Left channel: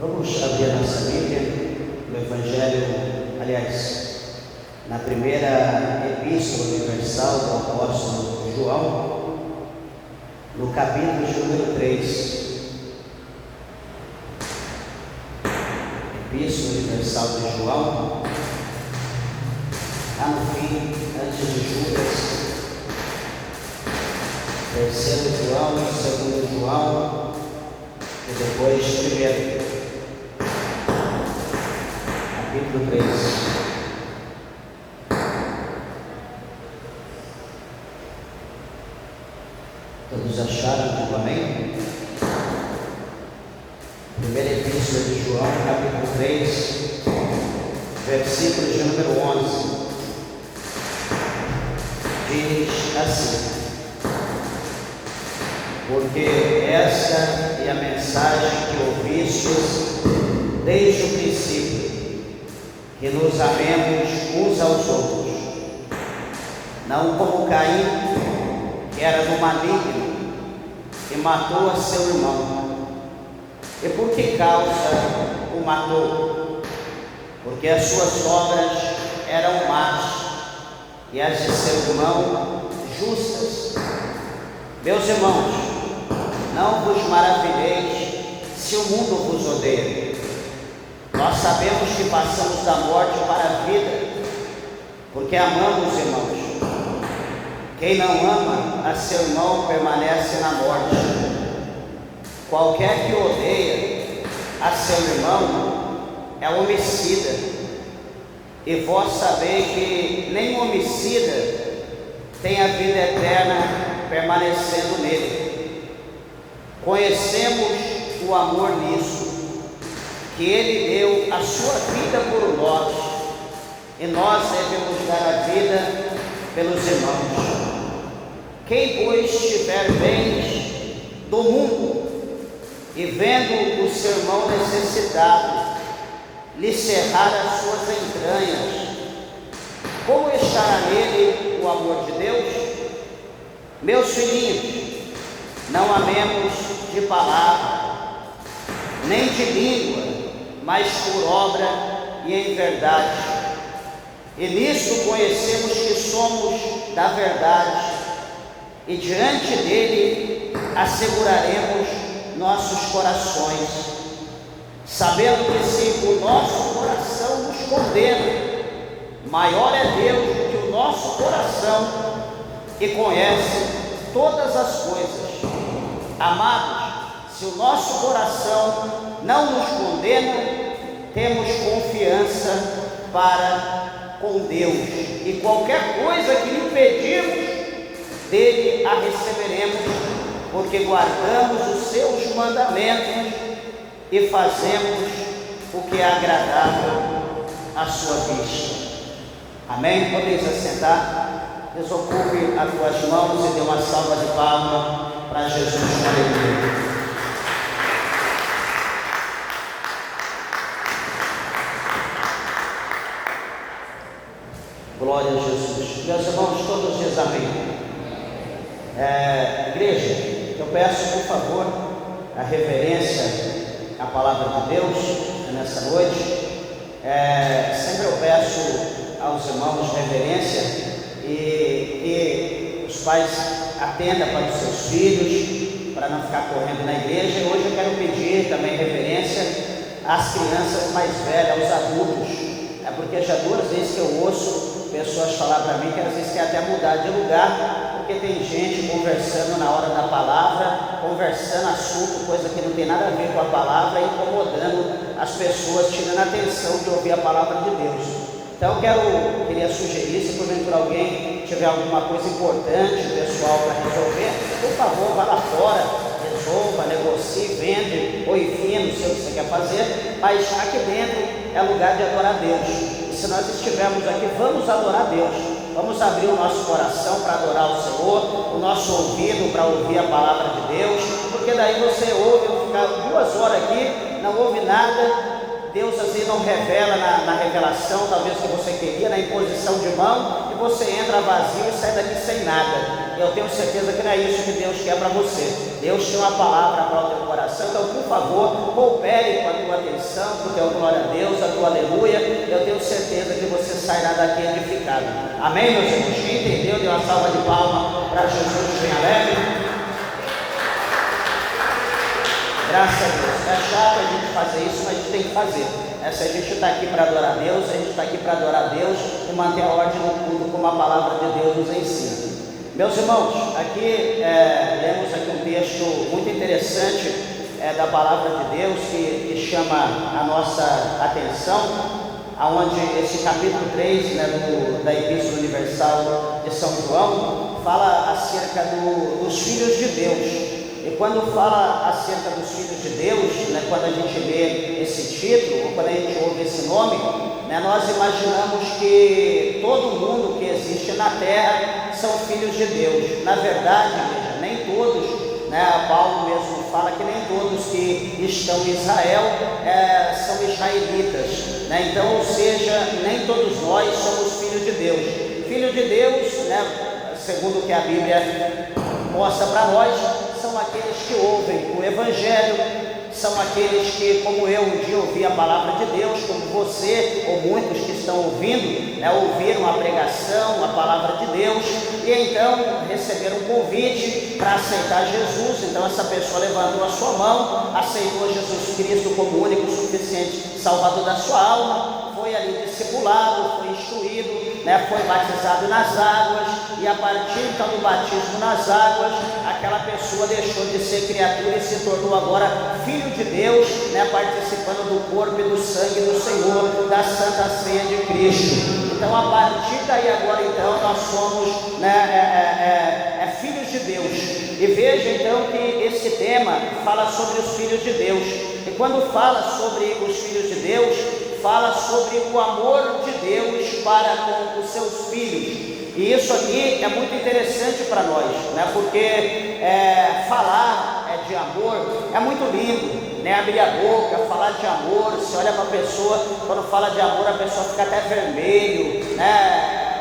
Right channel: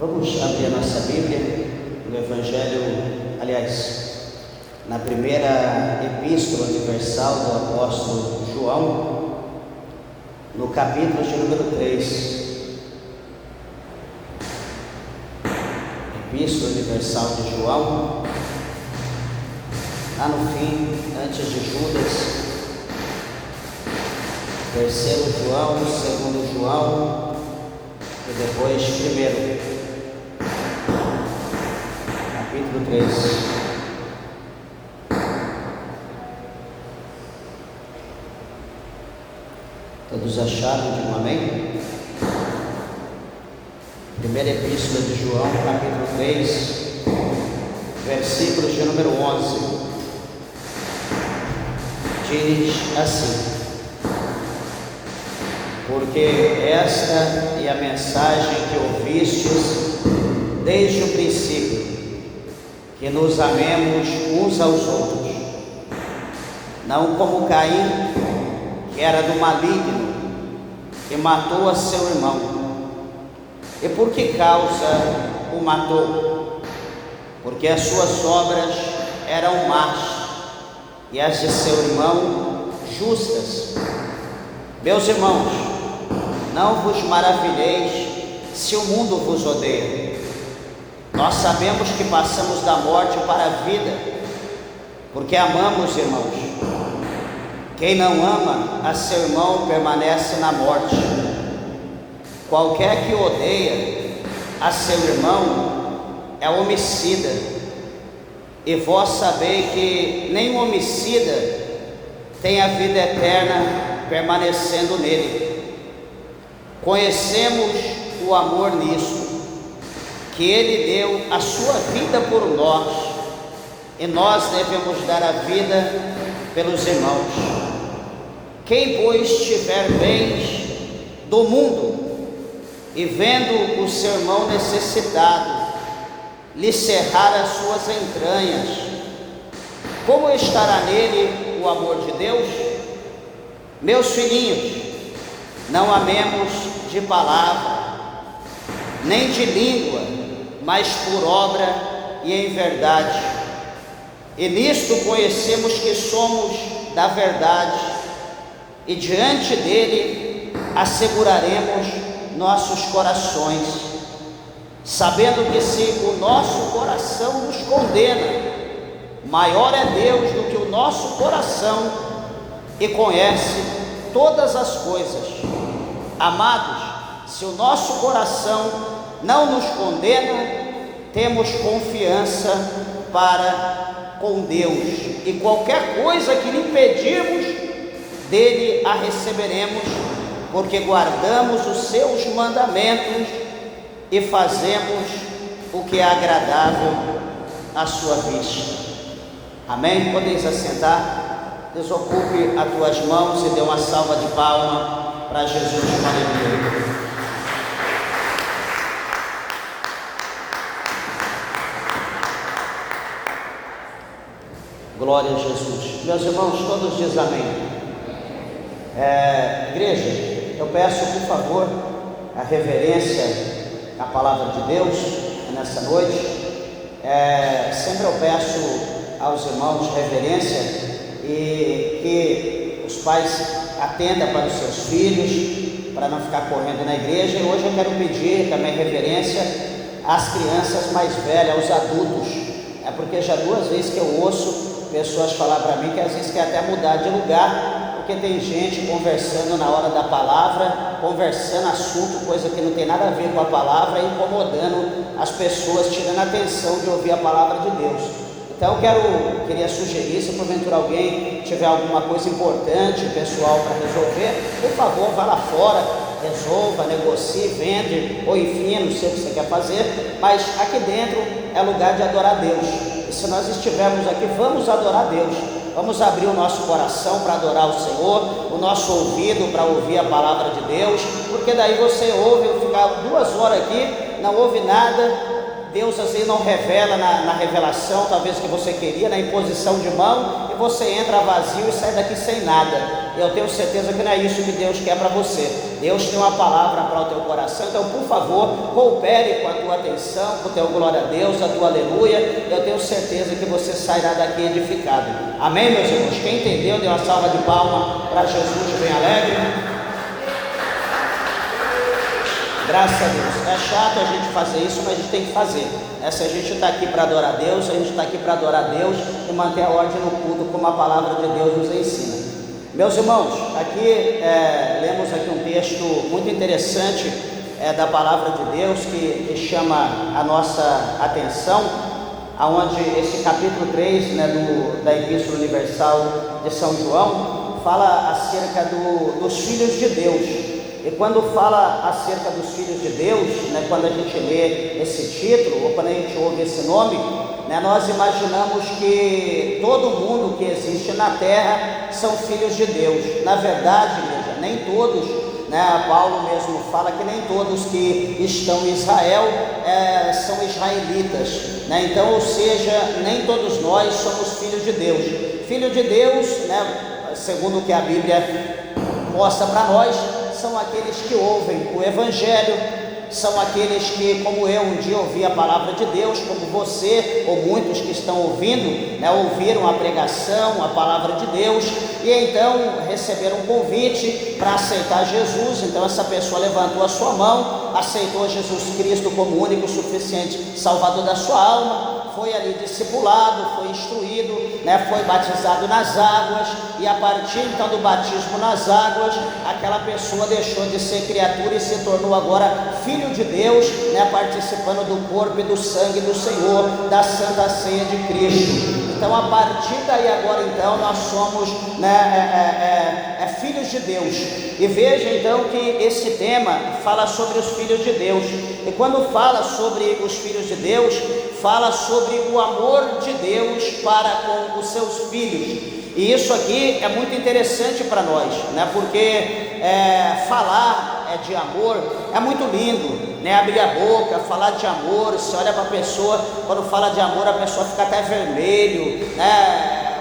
Vamos abrir a nossa Bíblia no Evangelho, na primeira Epístola Universal do Apóstolo João, no capítulo de número 3. Epístola Universal de João, lá no fim, antes de Judas, terceiro João, segundo João e depois primeiro. Capítulo 3. Todos acharam? Digam amém? Primeira Epístola de João, capítulo 3, versículo de número 11. Diz assim: porque esta é a mensagem que ouvistes desde o princípio, que nos amemos uns aos outros, não como Caim, que era do maligno, e matou a seu irmão. E por que causa o matou? Porque as suas obras eram más, e as de seu irmão justas. Meus irmãos, não vos maravilheis se o mundo vos odeia. Nós sabemos que passamos da morte para a vida, porque amamos, irmãos. Quem não ama a seu irmão permanece na morte. Qualquer que odeia a seu irmão é homicida, e vós sabeis que nem o homicida tem a vida eterna permanecendo nele. Conhecemos o amor nisso, que ele deu a sua vida por nós, e nós devemos dar a vida pelos irmãos. Quem, pois, tiver bens do mundo, e vendo o seu irmão necessitado, lhe cerrar as suas entranhas, como estará nele o amor de Deus? Meus filhinhos, não amemos de palavra, nem de língua, mas por obra e em verdade. E nisto conhecemos que somos da verdade, e diante dele asseguraremos nossos corações, sabendo que se o nosso coração nos condena, maior é Deus do que o nosso coração, e conhece todas as coisas. Amados, se o nosso coração não nos condena, temos confiança para com Deus, e qualquer coisa que lhe pedirmos, dele a receberemos, porque guardamos os seus mandamentos e fazemos o que é agradável à sua vista. Amém? Podeis assentar? Desocupe as tuas mãos e dê uma salva de palmas para Jesus Maria. Glória a Jesus. Meus irmãos, todos dizem amém. Igreja, eu peço, por favor, a reverência à palavra de Deus nessa noite. Sempre eu peço aos irmãos reverência, e que os pais atendam para os seus filhos, para não ficar correndo na igreja. E hoje eu quero pedir também reverência às crianças mais velhas, aos adultos. É porque já 2 vezes que eu ouço pessoas falar para mim que às vezes quer até mudar de lugar, porque tem gente conversando na hora da palavra, conversando assunto, coisa que não tem nada a ver com a palavra, incomodando as pessoas, tirando a atenção de ouvir a palavra de Deus. Então eu queria sugerir, se porventura alguém tiver alguma coisa importante, pessoal, para resolver, por favor, vá lá fora, resolva, negocie, vende, ou enfim, não sei o que você quer fazer, mas aqui dentro é lugar de adorar a Deus. E se nós estivermos aqui, vamos adorar a Deus. Vamos abrir o nosso coração para adorar o Senhor, o nosso ouvido para ouvir a palavra de Deus, porque daí você ouve, eu ficar 2 horas aqui, não ouve nada. Deus assim não revela na revelação, talvez que você queria, na imposição de mão, e você entra vazio e sai daqui sem nada. Eu tenho certeza que não é isso que Deus quer para você. Deus tem uma palavra para o teu coração. Então, por favor, coopere com a tua atenção, com o teu glória a Deus, a tua aleluia. Eu tenho certeza que você sairá daqui edificado. Amém, meus irmãos? Quem entendeu, dê uma salva de palma para Jesus, bem alegre. Graças a Deus. É chato a gente fazer isso, mas a gente tem que fazer. Se a gente está aqui para adorar a Deus, a gente está aqui para adorar a Deus e manter a ordem no culto, como a palavra de Deus nos ensina. Meus irmãos, aqui lemos aqui um texto muito interessante da palavra de Deus que chama a nossa atenção, aonde esse capítulo 3, da Epístola Universal de São João fala acerca dos filhos de Deus. E quando fala acerca dos filhos de Deus, quando a gente lê esse título, ou quando a gente ouve esse nome, nós imaginamos que todo mundo que existe na terra são filhos de Deus. Na verdade, igreja, nem todos, Paulo mesmo fala que nem todos que estão em Israel são israelitas, então, ou seja, nem todos nós somos filhos de Deus. Filho de Deus, segundo o que a Bíblia mostra para nós, são aqueles que ouvem o Evangelho, são aqueles que, como eu, um dia ouvi a palavra de Deus, como você, ou muitos que estão ouvindo, ouviram a pregação, a palavra de Deus, e então receberam um convite para aceitar Jesus. Então essa pessoa levantou a sua mão, aceitou Jesus Cristo como o único e suficiente Salvador da sua alma, foi ali discipulado, foi instruído, foi batizado nas águas, e a partir então do batismo nas águas, aquela pessoa deixou de ser criatura e se tornou agora filho de Deus, participando do corpo e do sangue do Senhor, da Santa Ceia de Cristo. Então, a partir daí agora, então, nós somos filhos de Deus. E veja então que esse tema fala sobre os filhos de Deus. E quando fala sobre os filhos de Deus, fala sobre o amor de Deus para com os seus filhos. E isso aqui é muito interessante para nós, porque falar de amor é muito lindo, abrir a boca, falar de amor. Você olha para a pessoa, quando fala de amor, a pessoa fica até vermelho,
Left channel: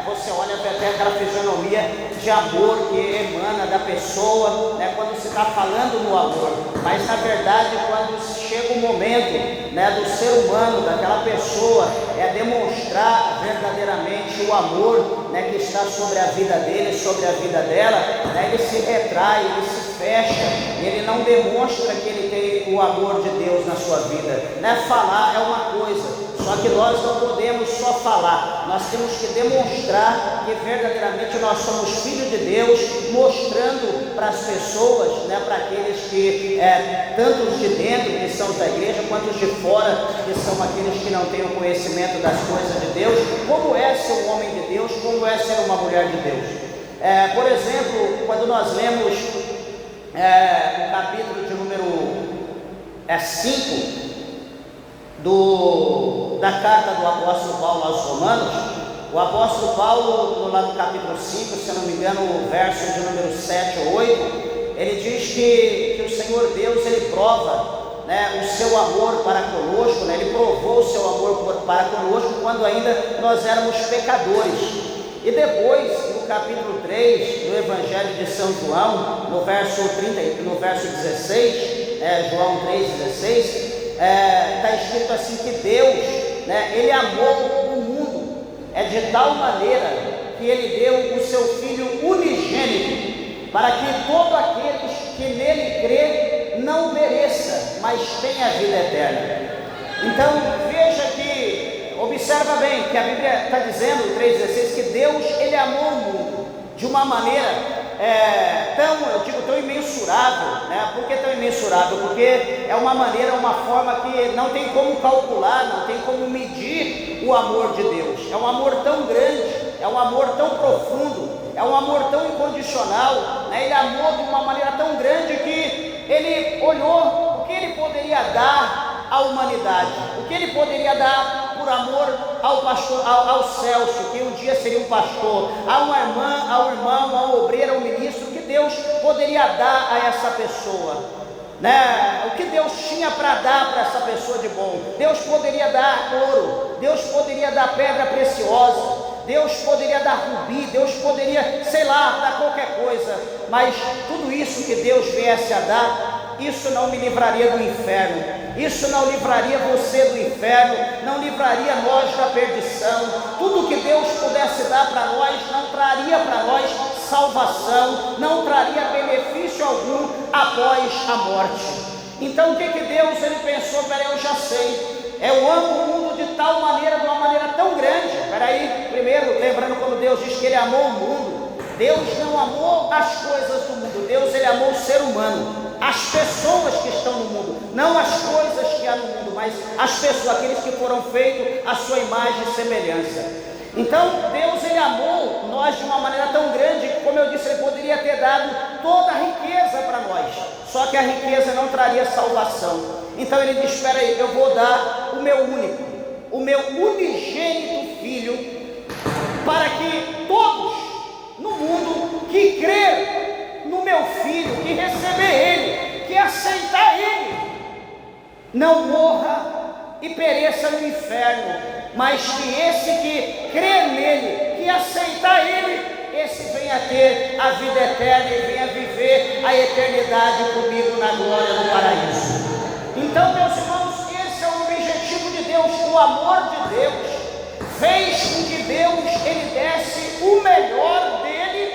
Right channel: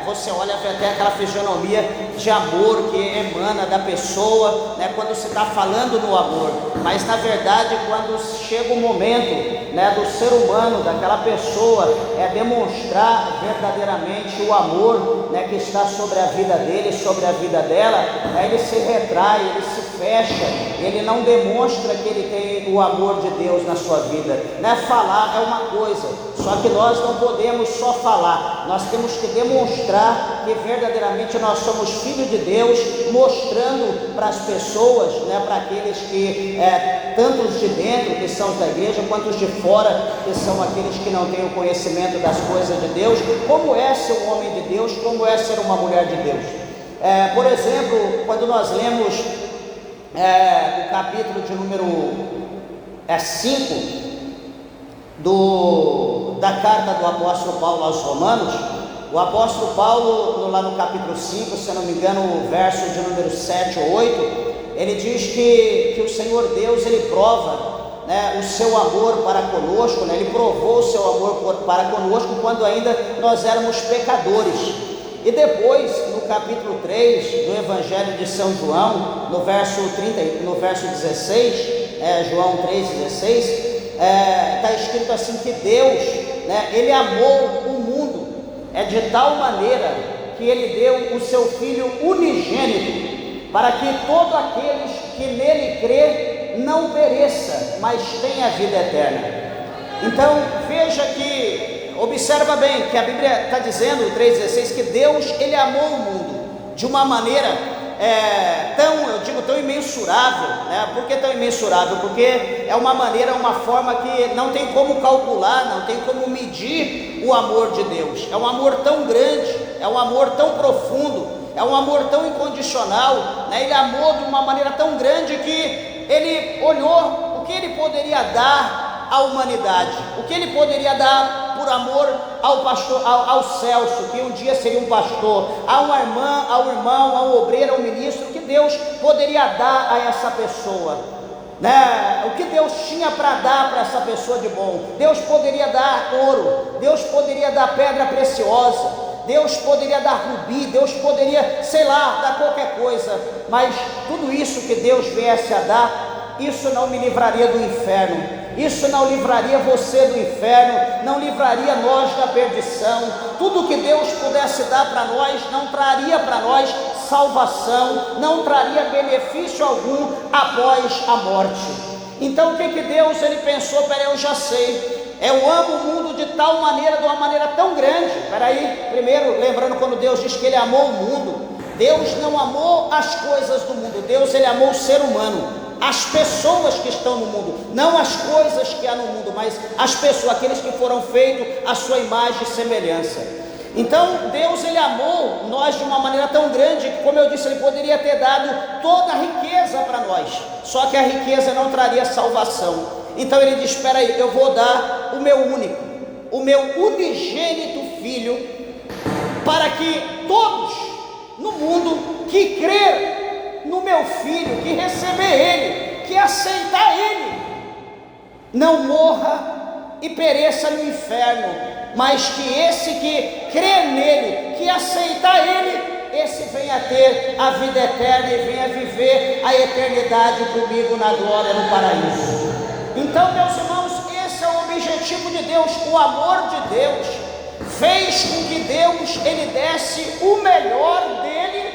você olha até aquela fisionomia de amor que emana da pessoa, quando se está falando no amor. Mas na verdade, quando chega o momento do ser humano, daquela pessoa demonstrar verdadeiramente o amor que está sobre a vida dele, sobre a vida dela, ele se retrai, ele se fecha, ele não demonstra que ele tem o amor de Deus na sua vida. Falar é uma coisa, só que nós não podemos só falar, nós temos que demonstrar que verdadeiramente nós somos filhos de Deus, mostrando para as pessoas, para aqueles que, tanto os de dentro, que são da igreja, quanto os de fora, que são aqueles que não têm o conhecimento das coisas de Deus, como é ser um homem de Deus, como é ser uma mulher de Deus. Por exemplo, quando nós lemos o capítulo de número 5 da carta do apóstolo Paulo aos Romanos, o apóstolo Paulo, lá no capítulo 5, se eu não me engano, o verso de número 7 ou 8, ele diz que o Senhor Deus, ele prova o seu amor para conosco, ele provou o seu amor para conosco quando ainda nós éramos pecadores. E depois, no capítulo 3 do Evangelho de São João, no verso 16, João 3,16, está escrito assim que Deus, ele amou o mundo de tal maneira que ele deu o seu Filho unigênito, para que todo aquele que nele crê não pereça, mas tenha a vida eterna. Então veja que, observa bem, que a Bíblia está dizendo, o 3,16, que Deus, ele amou o mundo de uma maneira tão imensurável, Por que tão imensurável? Porque é uma maneira, uma forma que não tem como calcular, não tem como medir o amor de Deus. É um amor tão grande, é um amor tão profundo, é um amor tão incondicional, Ele amou de uma maneira tão grande que ele olhou o que ele poderia dar à humanidade, o que ele poderia dar por amor ao pastor, ao Celso, que um dia seria um pastor, a uma irmã, ao irmão, ao obreiro, ao ministro, o que Deus poderia dar a essa pessoa, O que Deus tinha para dar para essa pessoa de bom? Deus poderia dar ouro, Deus poderia dar pedra preciosa, Deus poderia dar rubi, Deus poderia, sei lá, dar qualquer coisa, mas tudo isso que Deus viesse a dar, isso não me livraria do inferno, isso não livraria você do inferno, não livraria nós da perdição. Tudo que Deus pudesse dar para nós, não traria para nós salvação, não traria benefício algum após a morte. Então o que Deus ele pensou? Peraí, eu já sei, eu amo o mundo de tal maneira, de uma maneira tão grande. Peraí, primeiro, lembrando quando Deus diz que ele amou o mundo, Deus não amou as coisas do mundo, Deus ele amou o ser humano, as pessoas que estão no mundo, não as coisas que há no mundo, mas as pessoas, aqueles que foram feitos à sua imagem e semelhança. Então Deus ele amou nós de uma maneira tão grande que, como eu disse, ele poderia ter dado toda a riqueza para nós, só que a riqueza não traria salvação. Então ele diz, espera aí, eu vou dar o meu único, o meu unigênito filho, para que todos no mundo que crer no meu filho, que receber ele, que aceitar ele, não morra e pereça no inferno, mas que esse que crê nele, que aceitar ele, esse venha a ter a vida eterna e venha viver a eternidade comigo na glória no paraíso. Então, meus irmãos, esse é o objetivo de Deus. O amor de Deus fez com que Deus ele desse o melhor dele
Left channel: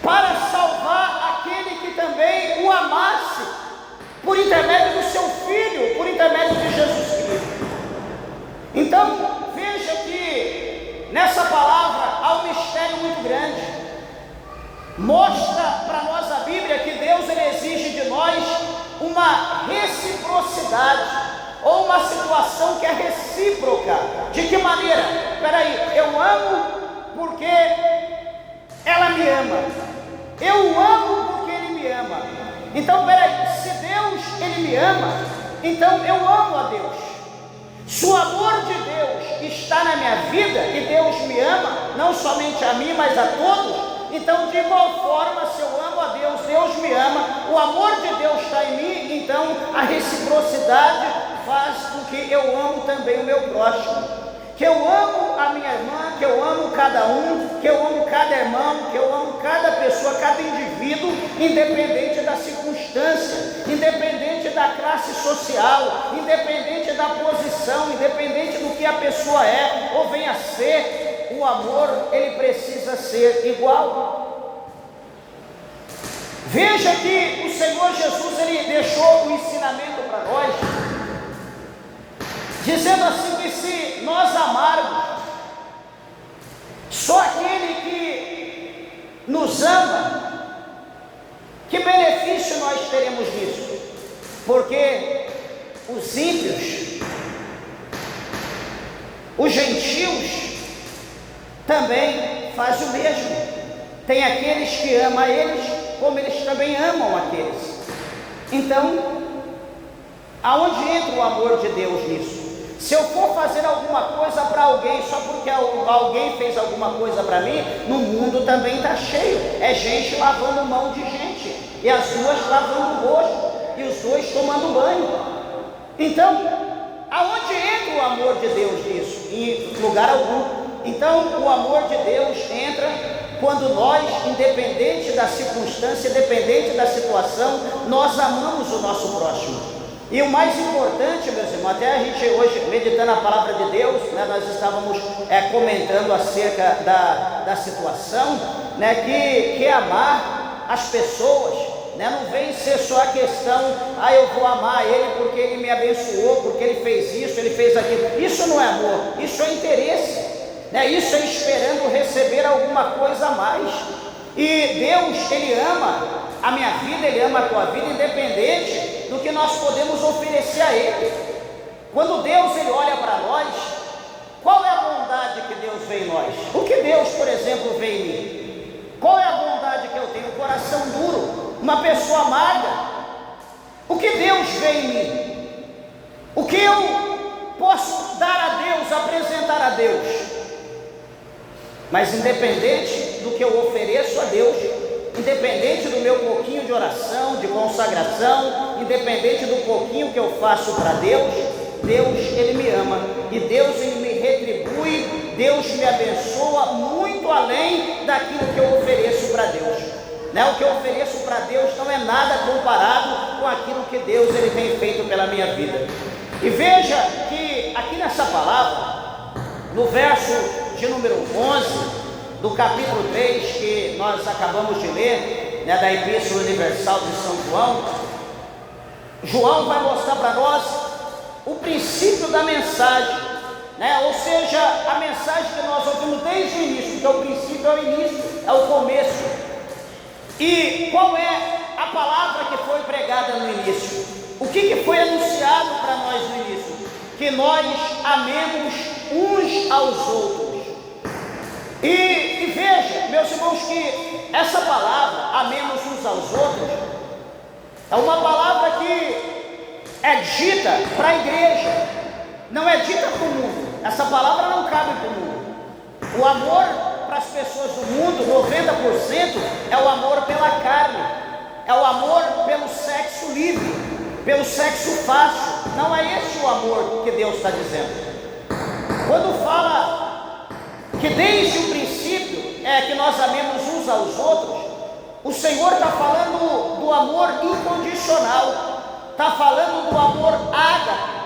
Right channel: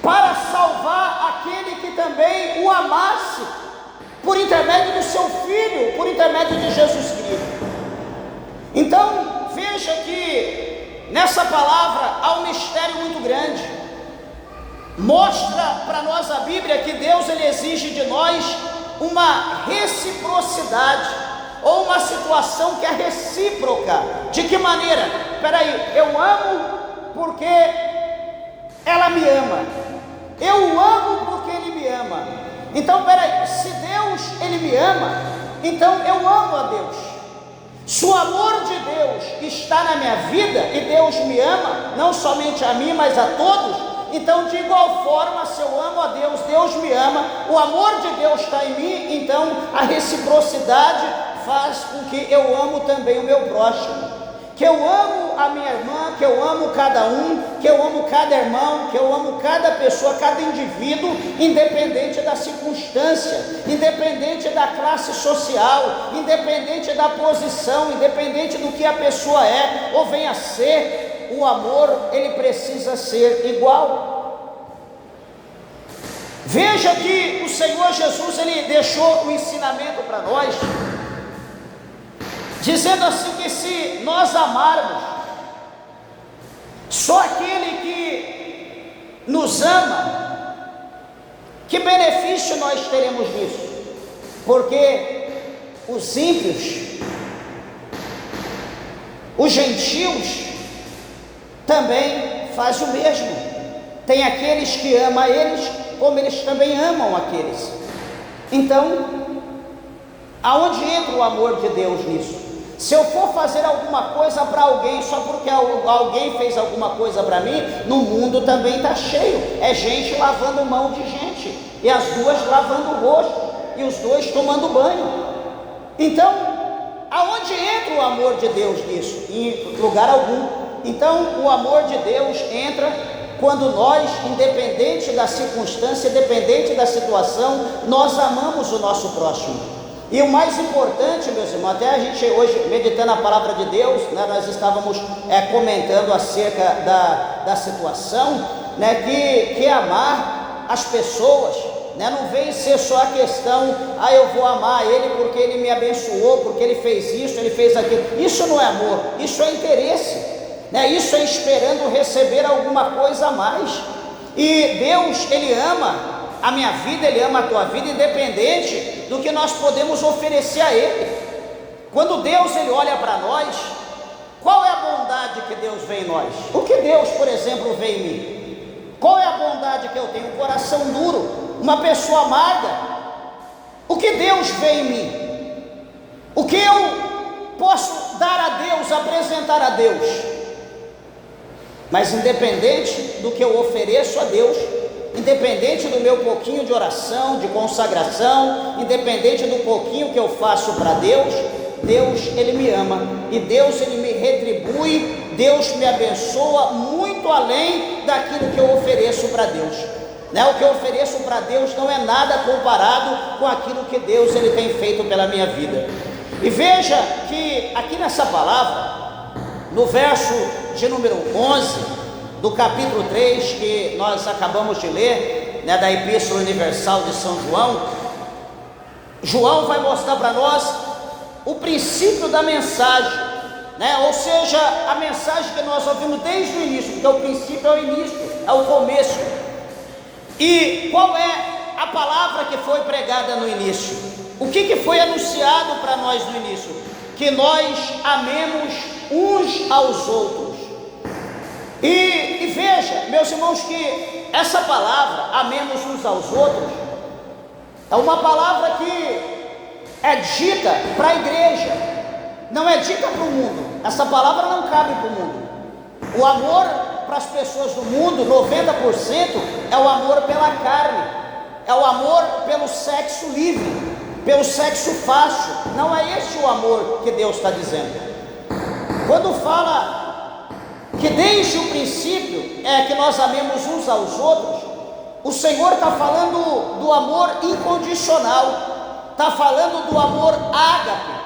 para salvar aquele que também o amasse, por intermédio do seu Filho, por intermédio de Jesus Cristo. Então, veja que nessa palavra há um mistério muito grande. Mostra para nós a Bíblia que Deus ele exige de nós uma reciprocidade, ou uma situação que é recíproca. De que maneira? Peraí, eu amo porque ela me ama, eu amo porque ele me ama. Então peraí, se Deus ele me ama, então eu amo a Deus. Se o amor de Deus está na minha vida e Deus me ama, não somente a mim, mas a todos, então de igual forma, se eu amo a Deus, Deus me ama, o amor de Deus está em mim, então a reciprocidade faz com que eu amo também o meu próximo, que eu amo a minha irmã, que eu amo cada um, que eu amo cada irmão, que eu amo cada pessoa, cada indivíduo, independente da circunstância, independente da classe social, independente da posição, independente do que a pessoa é ou venha a ser. O amor ele precisa ser igual. Veja que o Senhor Jesus ele deixou um ensinamento para nós, dizendo assim que se nós amarmos só aquele que nos ama, que benefício nós teremos nisso? Porque os ímpios, os gentios também fazem o mesmo. Tem aqueles que amam eles, como eles também amam aqueles. Então, aonde entra o amor de Deus nisso? Se eu for fazer alguma coisa para alguém, só porque alguém fez alguma coisa para mim, no mundo também está cheio, é gente lavando mão de gente, e as duas lavando o rosto, e os dois tomando banho. Então, aonde entra o amor de Deus nisso? Em lugar algum. Então, o amor de Deus entra quando nós, independente da circunstância, independente da situação, nós amamos o nosso próximo. E o mais importante, meus irmãos, até a gente hoje, meditando a palavra de Deus, né, nós estávamos comentando acerca da situação, né, que amar as pessoas, né, não vem ser só a questão, eu vou amar ele porque ele me abençoou, porque ele fez isso, ele fez aquilo. Isso não é amor, isso é interesse. Isso é esperando receber alguma coisa a mais. E Deus ele ama a minha vida, ele ama a tua vida, independente do que nós podemos oferecer a ele. Quando Deus ele olha para nós, qual é a bondade que Deus vê em nós? O que Deus, por exemplo, vê em mim? Qual é a bondade que eu tenho? Um coração duro, uma pessoa amarga. O que Deus vê em mim? O que eu posso dar a Deus, apresentar a Deus? Mas independente do que eu ofereço a Deus, independente do meu pouquinho de oração, de consagração, independente do pouquinho que eu faço para Deus, Deus, Ele me ama, e Deus, Ele me retribui, Deus me abençoa muito além daquilo que eu ofereço para Deus, né? O que eu ofereço para Deus não é nada comparado com aquilo que Deus, Ele tem feito pela minha vida. E veja que aqui nessa palavra, no verso de número 11, do capítulo 3, que nós acabamos de ler, né, da Epístola Universal de São João, João vai mostrar para nós o princípio da mensagem, né? Ou seja, a mensagem que nós ouvimos desde o início, porque o princípio é o início, é o começo. E qual é a palavra que foi pregada no início? O que foi anunciado para nós no início? Que nós amemos uns aos outros. E veja, meus irmãos, que essa palavra, amemos uns aos outros, é uma palavra que é dita para a igreja, não é dita para o mundo. Essa palavra não cabe para o mundo. O amor para as pessoas do mundo, 90% é o amor pela carne, é o amor pelo sexo livre, pelo sexo fácil. Não é esse o amor que Deus está dizendo. Quando fala que desde o princípio é que nós amemos uns aos outros, o Senhor está falando do amor incondicional, está falando do amor ágape,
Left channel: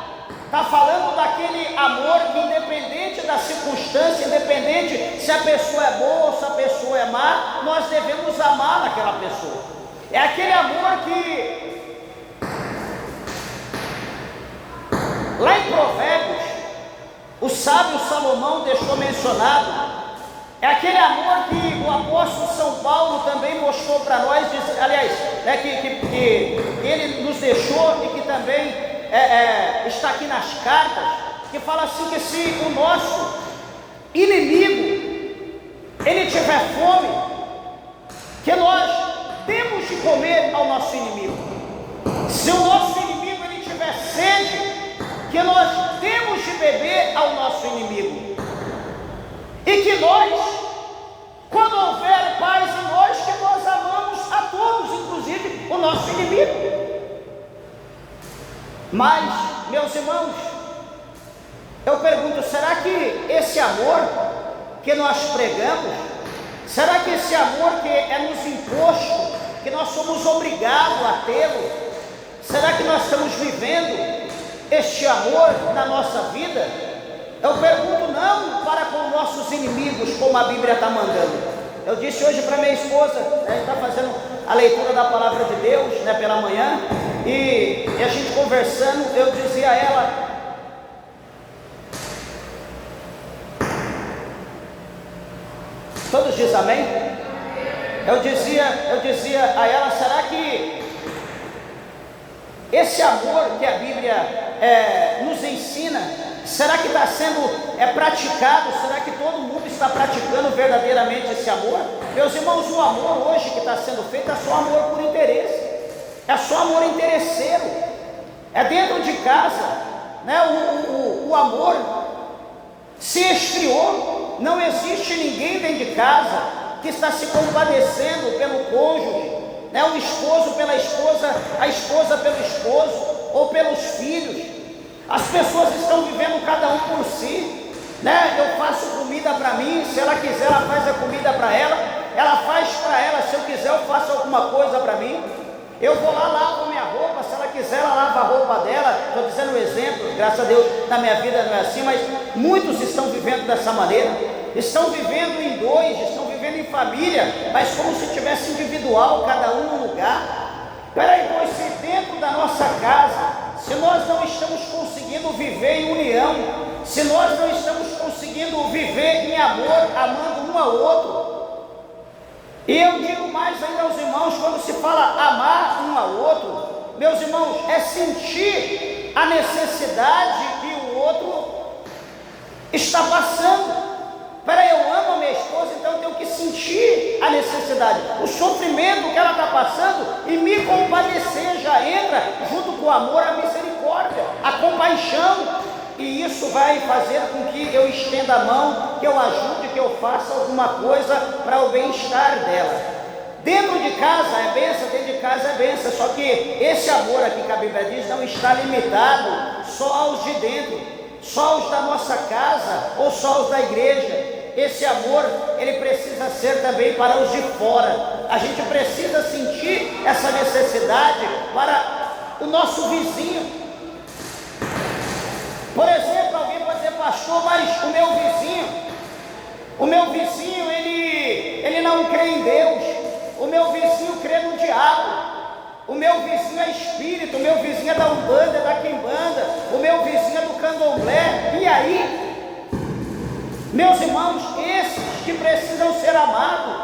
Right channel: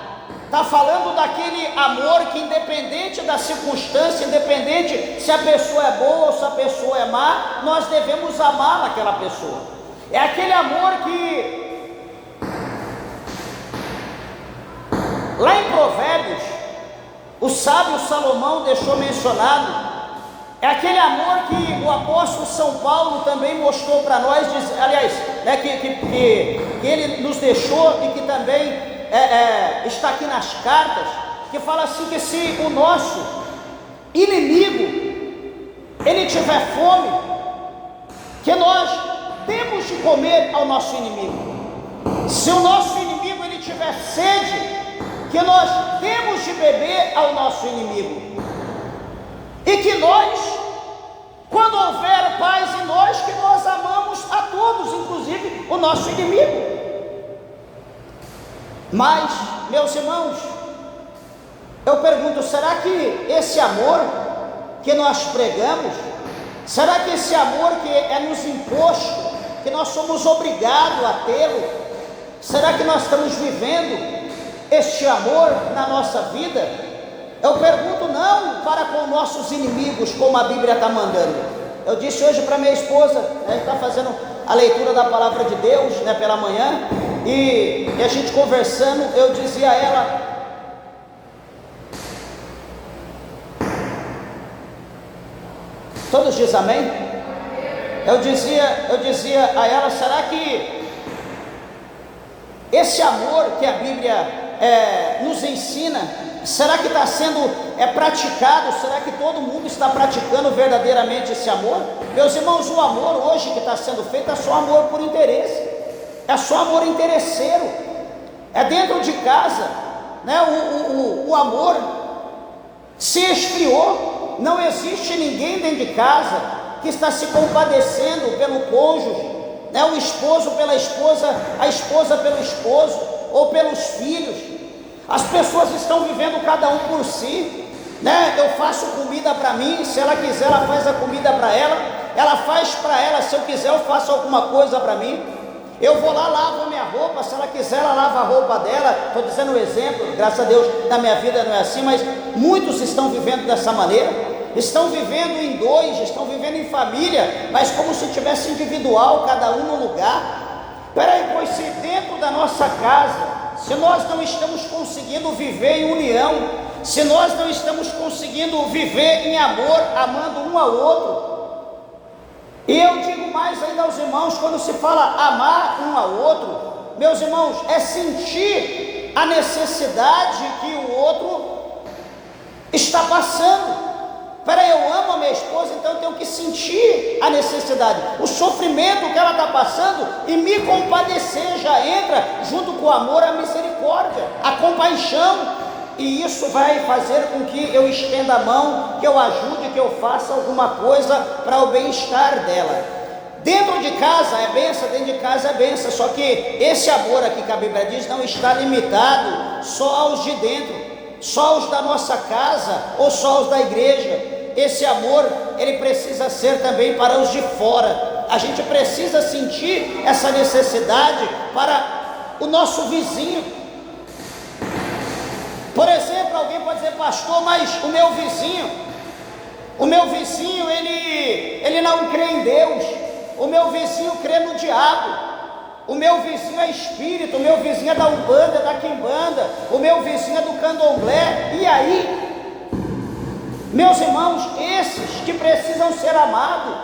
está falando daquele amor que, independente da circunstância, independente se a pessoa é boa ou se a pessoa é má, nós devemos amar aquela pessoa. É aquele amor que, lá em Provérbios, o sábio Salomão deixou mencionado. É aquele amor que o apóstolo São Paulo também mostrou para nós, aliás, né, que ele nos deixou e que também está aqui nas cartas, que fala assim, que se o nosso inimigo, ele tiver fome, que nós temos de comer ao nosso inimigo. Se o nosso inimigo ele tiver sede, que nós temos de beber ao nosso inimigo. E que nós, quando houver paz em nós, que nós amamos a todos, inclusive o nosso inimigo. Mas, meus irmãos, eu pergunto, será que esse amor que nós pregamos, será que esse amor que é nos imposto, que nós somos obrigados a tê-lo, será que nós estamos vivendo este amor na nossa vida? Eu pergunto, não para com nossos inimigos, como a Bíblia está mandando. Eu disse hoje para minha esposa, né, está fazendo a leitura da palavra de Deus, né, pela manhã, e a gente conversando, eu dizia a ela, todos dizem amém? Eu dizia a ela, será que esse amor que a Bíblia nos ensina, será que está sendo praticado? Será que todo mundo está praticando verdadeiramente esse amor? Meus irmãos, o amor hoje que está sendo feito é só amor por interesse, é só amor interesseiro, é dentro de casa, né? O amor se esfriou, não existe ninguém dentro de casa que está se compadecendo pelo cônjuge, né? O esposo pela esposa, a esposa pelo esposo, ou pelos filhos. As pessoas estão vivendo cada um por si, né? Eu faço comida para mim, se ela quiser ela faz a comida para ela faz para ela, se eu quiser eu faço alguma coisa para mim. Eu vou lá, lavo a minha roupa, se ela quiser ela lava a roupa dela. Estou dizendo um exemplo, graças a Deus na minha vida não é assim, mas muitos estão vivendo dessa maneira, estão vivendo em dois, estão vivendo em família, mas como se tivesse individual, cada um no lugar. Peraí, pois se dentro da nossa casa, se nós não estamos conseguindo viver em união, se nós não estamos conseguindo viver em amor, amando um ao outro, e eu digo mais ainda aos irmãos, quando se fala amar um ao outro, meus irmãos, é sentir a necessidade que o outro está passando. Peraí, eu amo a minha esposa, então eu tenho que sentir a necessidade, o sofrimento que ela está passando e me compadecer. Já entra junto com o amor a misericórdia, a compaixão, e isso vai fazer com que eu estenda a mão, que eu ajude, que eu faça alguma coisa para o bem-estar dela. Dentro de casa é bênção, dentro de casa é bênção, só que esse amor aqui que a Bíblia diz não está limitado só aos de dentro, só aos da nossa casa ou só aos da igreja. Esse amor, ele precisa ser também para os de fora. A gente precisa sentir essa necessidade para o nosso vizinho. Por exemplo, alguém pode dizer: pastor, mas o meu vizinho ele não crê em Deus, o meu vizinho crê no diabo, o meu vizinho é espírito, o meu vizinho é da Umbanda, é da Quimbanda, o meu vizinho é do Candomblé. E aí, meus irmãos, esses que precisam ser amados.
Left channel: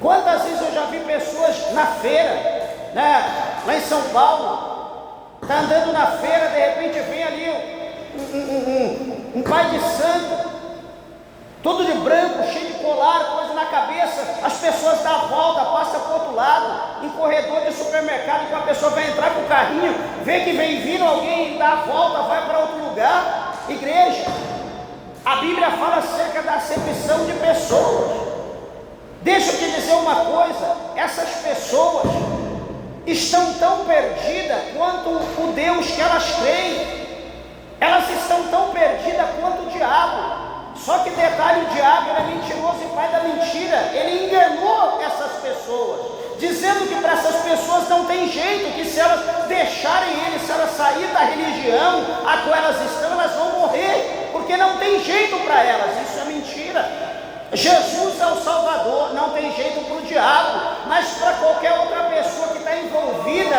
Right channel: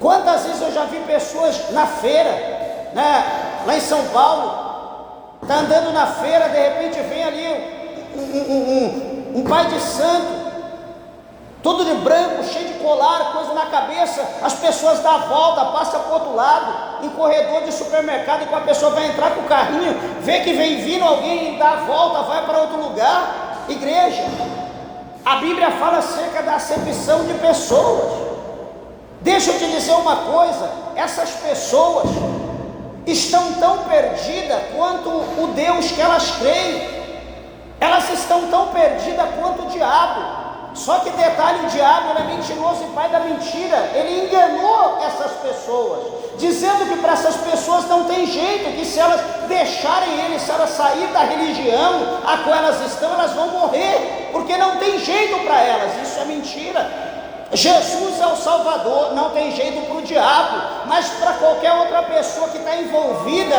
Quantas vezes eu já vi pessoas na feira, né, lá em São Paulo, está andando na feira, de repente vem ali um pai de santo, todo de branco, cheio de colar, coisa na cabeça. As pessoas dão a volta, passam para o outro lado, em corredor de supermercado, e quando a pessoa vai entrar com o carrinho, vê que vem vindo alguém, dá a volta, vai para outro lugar. Igreja, a Bíblia fala acerca da acepção de pessoas. Deixa eu te dizer uma coisa: essas pessoas estão tão perdidas quanto o Deus que elas creem, elas estão tão perdidas quanto o diabo. Só que detalhe, o diabo, ele é mentiroso e pai da mentira. Ele enganou essas pessoas, dizendo que para essas pessoas não tem jeito, que se elas deixarem ele, se elas saírem da religião a qual elas estão, elas vão morrer, porque não tem jeito para elas. Isso é mentira. Jesus é o Salvador, não tem jeito para o diabo, mas para qualquer outra pessoa que está envolvido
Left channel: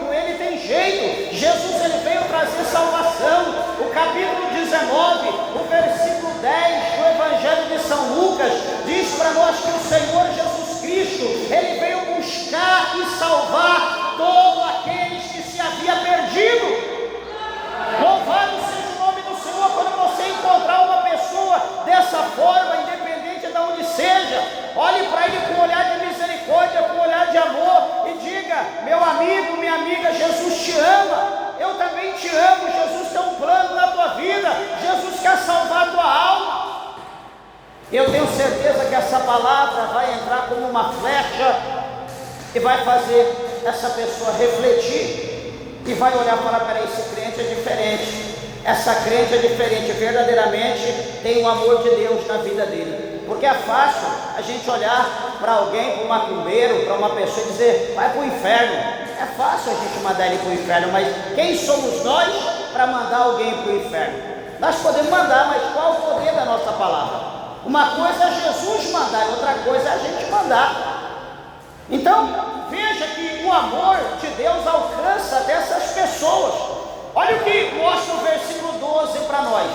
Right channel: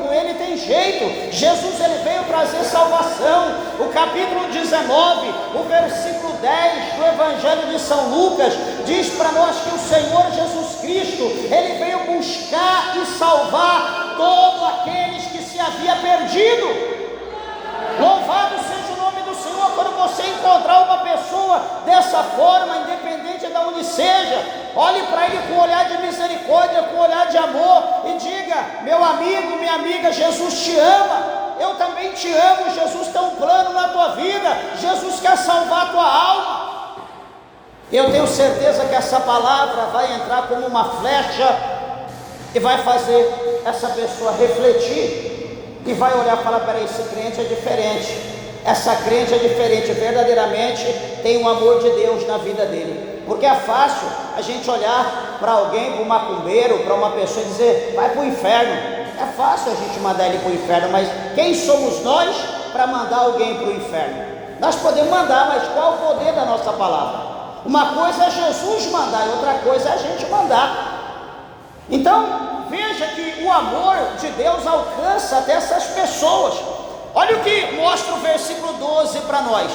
com ele, tem jeito. Jesus, ele veio trazer salvação. O capítulo 19, o versículo 10 do Evangelho de São Lucas, diz para nós que o Senhor Jesus Cristo, ele veio buscar e salvar todos aqueles que se havia perdido. Louvado seja o nome do Senhor. Quando você encontrar uma pessoa dessa forma, independente de onde seja, olhe para ele com um olhar de misericórdia, com um olhar de amor, e diga: meu amigo, minha amiga, Jesus te ama, eu também te amo, Jesus tem um plano na tua vida, Jesus quer salvar a tua alma. Eu tenho certeza que essa palavra vai entrar como uma flecha e vai fazer essa pessoa refletir e vai olhar e falar: peraí, esse crente é diferente, essa crente é diferente, verdadeiramente tem o amor de Deus na vida dele. Porque é fácil a gente olhar para alguém, para um macumbeiro, para uma pessoa e dizer: vai para o inferno. É fácil a gente mandar ele para o inferno, mas quem somos nós para mandar alguém para o inferno? Nós podemos mandar, mas qual o poder da nossa palavra? Uma coisa é Jesus mandar e outra coisa é a gente mandar. Então, veja que o amor de Deus alcança até essas pessoas. Olha o que mostra o versículo 12 para nós,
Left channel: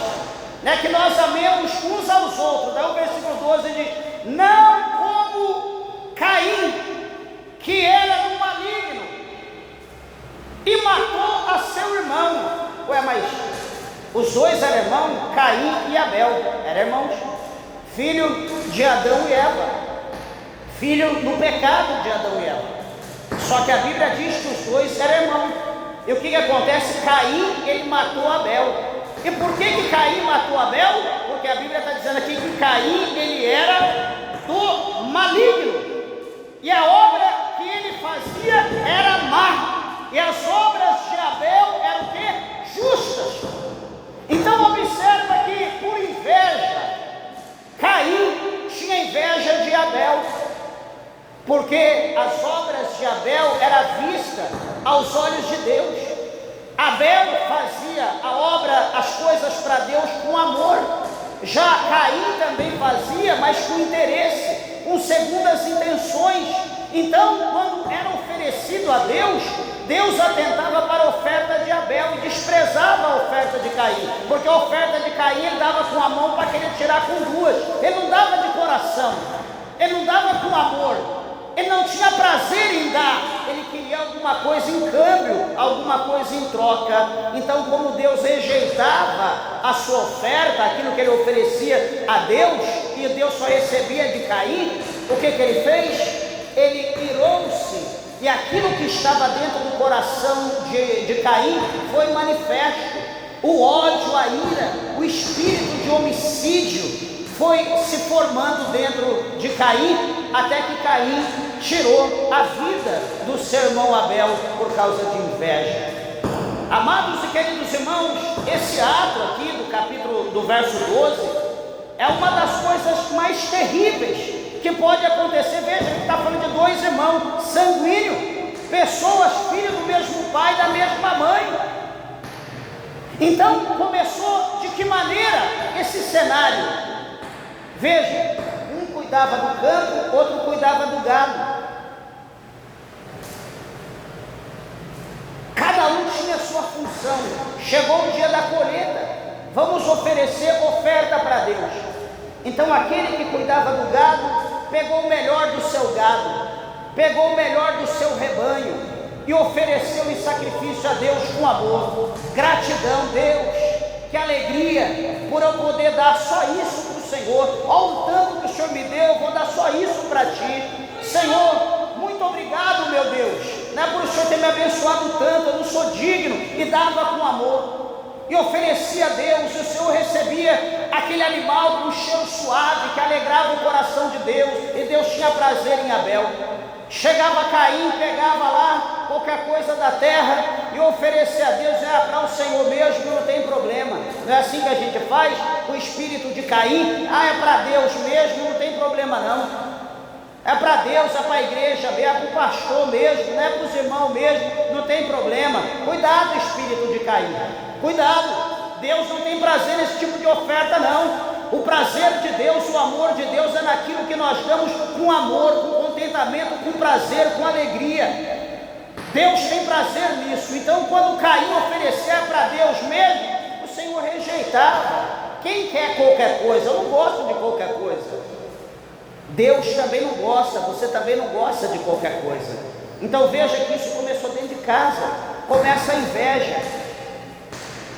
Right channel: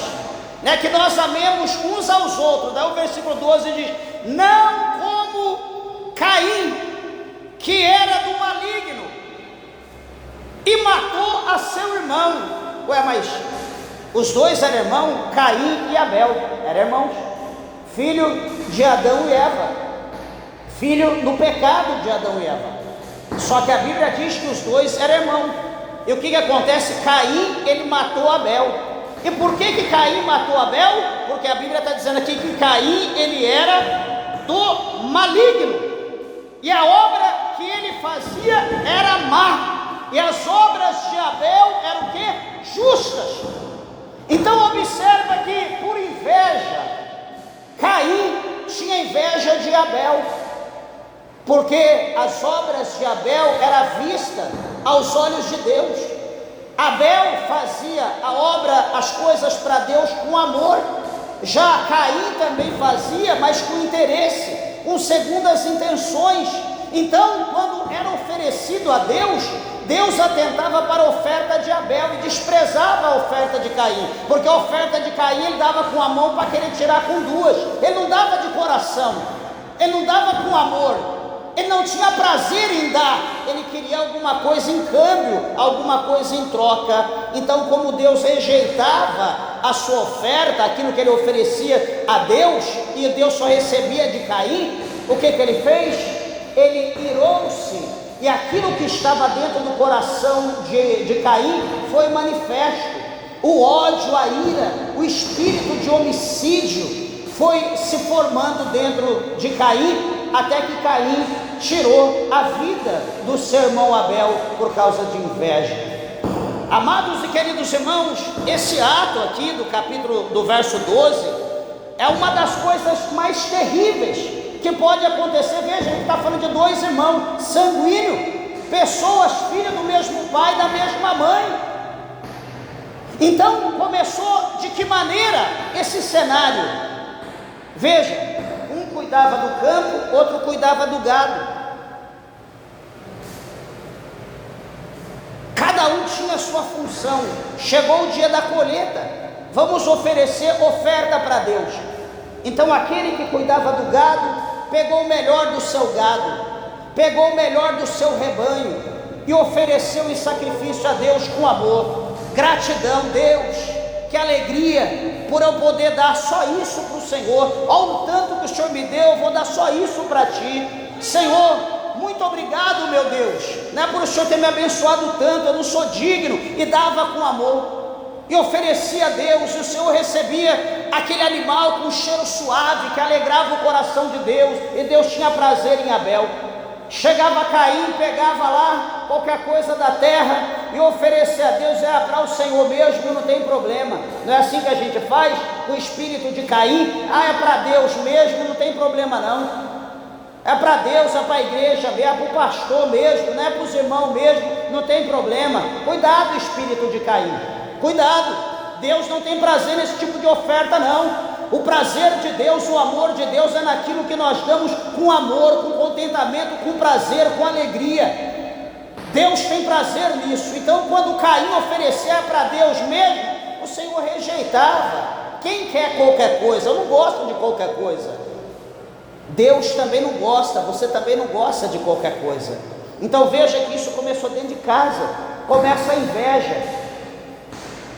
né? Que nós amemos uns aos outros. Daí o versículo 12 diz: não como Caim, que era do maligno e matou a seu irmão. Ué, mas os dois eram irmãos, Caim e Abel, eram irmãos, filho de Adão e Eva, filho no pecado de Adão e Eva. Só que a Bíblia diz que os dois eram irmãos. E o que acontece? Caim, ele matou Abel. E por que Caim matou Abel? Porque a Bíblia está dizendo aqui que Caim, ele era do maligno, e a obra que ele fazia era má, e as obras de Abel eram o quê? Justas. Então observa que, por inveja, Caim tinha inveja de Abel, porque as obras de Abel eram vistas aos olhos de Deus. Abel fazia a obra, as coisas para Deus com amor. Já Caim também fazia, mas com interesse, com segundas intenções. Então, quando era oferecido a Deus, Deus atentava para a oferta de Abel e desprezava a oferta de Caim, porque a oferta de Caim ele dava com a mão para querer tirar com duas. Ele não dava de coração, ele não dava com amor, ele não tinha prazer em dar, ele queria alguma coisa em câmbio, alguma coisa em troca. Então, como Deus rejeitava a sua oferta, aquilo que ele oferecia a Deus, e Deus só recebia de Caim, o que ele fez? Ele irou-se, e aquilo que estava dentro do coração de Caim foi manifesto. O ódio, a ira, o espírito de homicídio foi se formando dentro de Caim, até que Caim tirou a vida do seu irmão Abel por causa de inveja. Amados e queridos irmãos, esse ato aqui do verso 12 é uma das coisas mais terríveis que pode acontecer. Veja, ele está falando de dois irmãos sanguíneos, pessoas filhas do mesmo pai, da mesma mãe. Então começou de que maneira esse cenário? Veja, um cuidava do campo, outro cuidava do gado. Cada um tinha sua função. Chegou o dia da colheita, vamos oferecer oferta para Deus. Então aquele que cuidava do gado pegou o melhor do seu gado, pegou o melhor do seu rebanho e ofereceu em sacrifício a Deus com amor. Gratidão, Deus, que alegria por eu poder dar só isso para o Senhor. Olha o tanto que o Senhor me deu, eu vou dar só isso para Ti. Senhor, muito obrigado, meu Deus, não é por o Senhor ter me abençoado tanto, eu não sou digno, e dava com amor, e oferecia a Deus, e o Senhor recebia aquele animal com um cheiro suave, que alegrava o coração de Deus, e Deus tinha prazer em Abel. Chegava Caim, pegava lá qualquer coisa da terra e oferecia a Deus, para o Senhor mesmo, não tem problema. Não é assim que a gente faz com o espírito de Caim? É para Deus mesmo, não tem problema não. É para Deus, é para a igreja, é para o pastor mesmo, não é para os irmãos mesmo, não tem problema. Cuidado, espírito de Caim, cuidado. Deus não tem prazer nesse tipo de oferta não. O prazer de Deus, o amor de Deus é naquilo que nós damos com amor, com contentamento, com prazer, com alegria. Deus tem prazer nisso. Então quando Caim oferecia para Deus mesmo, o Senhor rejeitava. Quem quer qualquer coisa? Eu não gosto de qualquer coisa. Deus também não gosta, você também não gosta de qualquer coisa. Então veja que isso começou dentro de casa. Começa a inveja.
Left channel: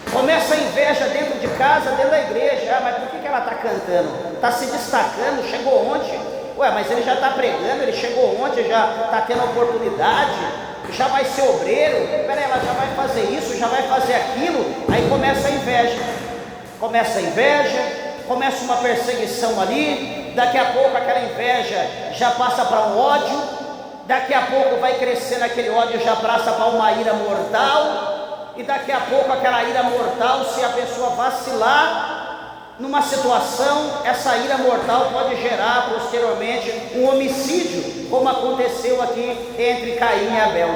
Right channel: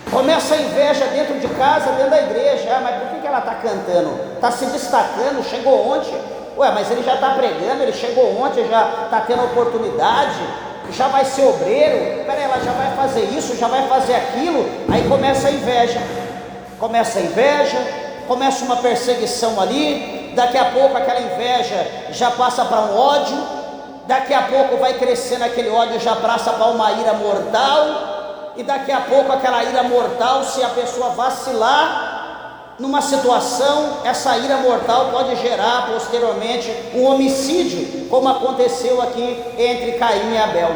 Começa a inveja dentro de casa, dentro da igreja. Mas por que ela está cantando? Está se destacando, chegou ontem. Mas ele já está pregando, ele chegou ontem, já está tendo oportunidade, já vai ser obreiro. Peraí, ela já vai fazer isso, já vai fazer aquilo. Aí começa a inveja. Começa uma perseguição ali. Daqui a pouco aquela inveja já passa para um ódio. Daqui a pouco vai crescendo aquele ódio, já passa para uma ira mortal. E daqui a pouco aquela ira mortal, se a pessoa vacilar numa situação, essa ira mortal pode gerar posteriormente um homicídio, como aconteceu aqui entre Caim e Abel.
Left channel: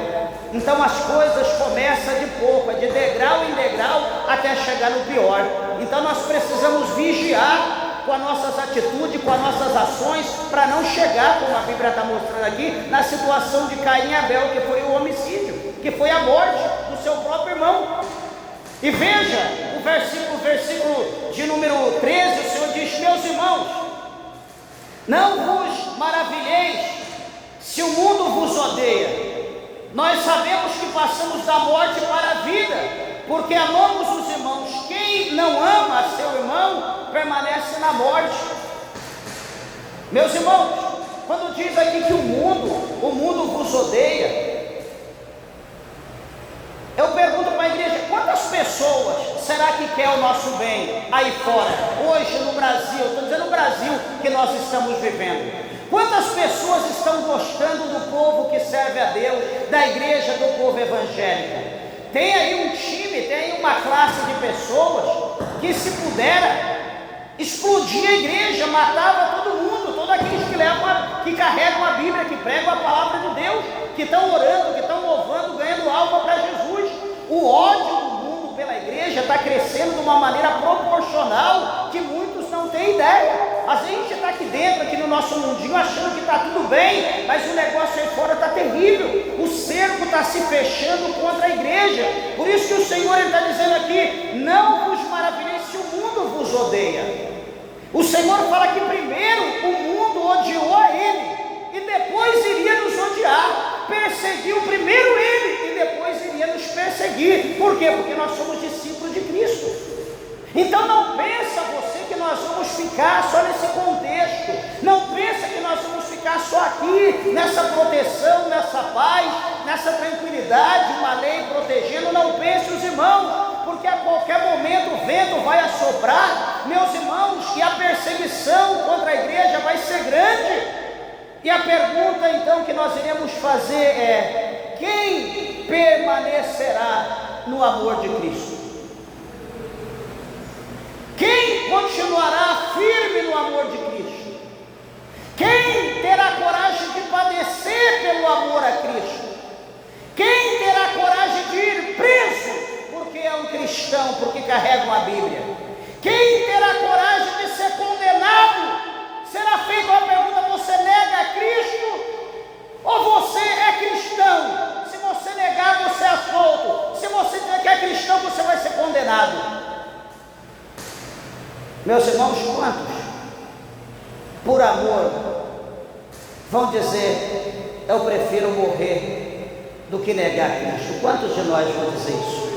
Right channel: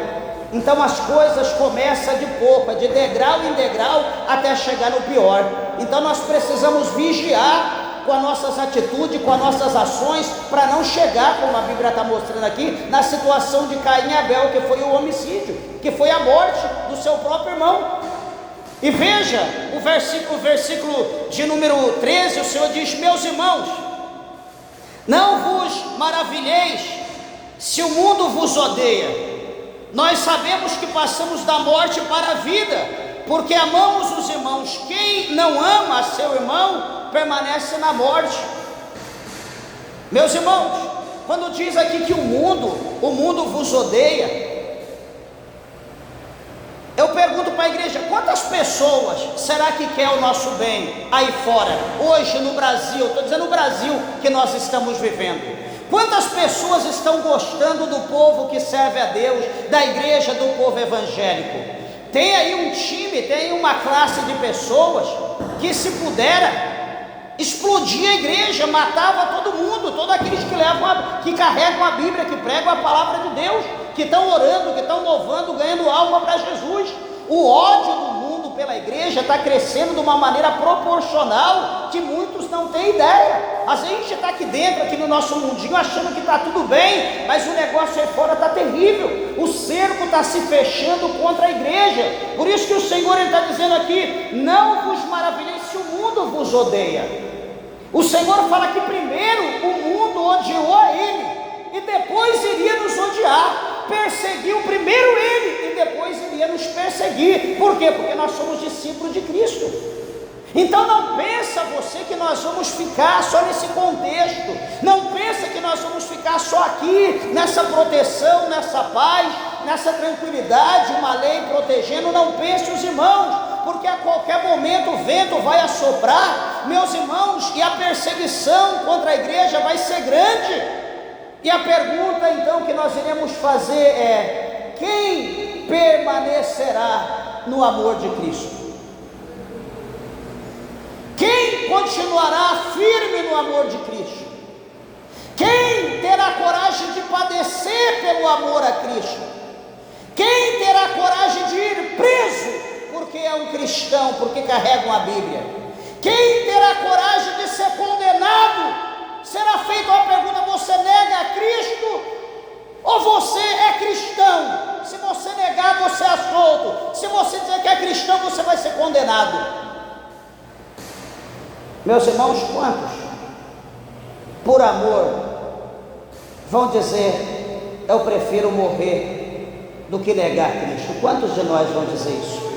Então as coisas começam de pouco, de degrau em degrau até chegar no pior. Então nós precisamos vigiar com as nossas atitudes, com as nossas ações, para não chegar, como a Bíblia está mostrando aqui, na situação de Caim e Abel, que foi o homicídio, que foi a morte do seu próprio irmão. E veja o versículo de número 13, o Senhor diz: meus irmãos, não vos maravilheis se o mundo vos odeia. Nós sabemos que passamos da morte para a vida, porque amamos os irmãos. Quem não ama a seu irmão permanece na morte. Meus irmãos, quando diz aqui que o mundo vos odeia, eu pergunto para a igreja: quantas pessoas será que quer o nosso bem aí fora, hoje no Brasil? Estou dizendo no Brasil que nós estamos vivendo. Quantas pessoas estão gostando do povo que serve a Deus, da igreja, do povo evangélico? Tem aí um time, tem aí uma classe de pessoas que, se pudera, explodia a igreja, matava todo mundo, todos aqueles que carregam a Bíblia, que pregam a palavra de Deus, que estão orando, que estão louvando, ganhando alma para Jesus. O ódio do mundo pela igreja está crescendo de uma maneira proporcional que muitos não têm ideia. Às vezes a gente está aqui dentro, aqui no nosso mundinho, achando que está tudo bem, mas o negócio aí fora está terrível. O cerco está se fechando contra a igreja. Por isso que o Senhor está dizendo aqui: não vos maravilheis se o mundo vos odeia. O Senhor fala que primeiro o mundo odiou a Ele, e depois iria nos odiar. Perseguiu primeiro Ele, e depois iria nos perseguir. Por quê? Porque nós somos discípulos de Cristo. Então não pensa você que nós vamos ficar só nesse contexto. Não pensa que nós vamos ficar só aqui, nessa proteção, nessa paz, nessa tranquilidade, uma lei protegendo. Não pense, os irmãos, porque a qualquer momento o vento vai assoprar, meus irmãos, e a perseguição contra a igreja vai ser grande. E a pergunta então que nós iremos fazer é: quem permanecerá no amor de Cristo? Quem continuará firme no amor de Cristo? Quem terá coragem de padecer pelo amor a Cristo? Quem terá coragem de ir preso porque é um cristão, porque carrega uma Bíblia? Quem terá coragem de ser condenado? Será feita uma pergunta: você nega a Cristo ou você é cristão? Se você negar, você é solto. Se você dizer que é cristão, você vai ser condenado. Meus irmãos, quantos, por amor, vão dizer: eu prefiro morrer do que negar Cristo? Quantos de nós vão dizer isso?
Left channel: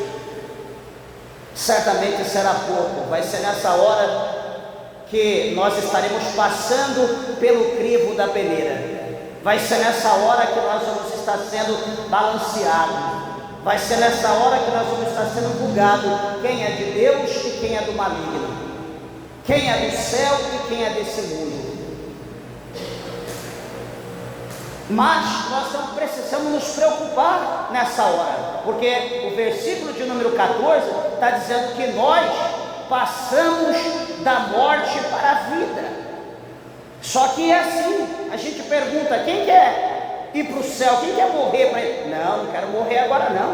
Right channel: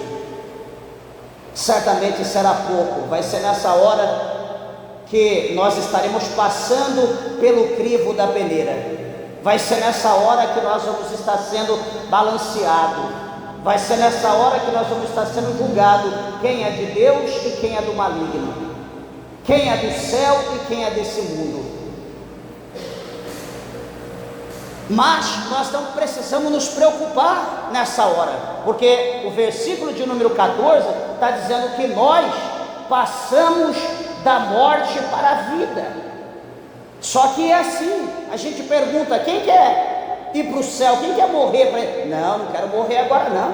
Certamente será pouco. Vai ser nessa hora que nós estaremos passando pelo crivo da peleira. Vai ser nessa hora que nós vamos estar sendo balanceados. Vai ser nessa hora que nós vamos estar sendo julgados quem é de Deus e quem é do maligno, quem é do céu e quem é desse mundo. Mas nós não precisamos nos preocupar nessa hora, porque o versículo de número 14 está dizendo que nós passamos da morte para a vida. Só que é assim, a gente pergunta: quem quer ir para o céu? Quem quer morrer para ele? Não quero morrer agora não.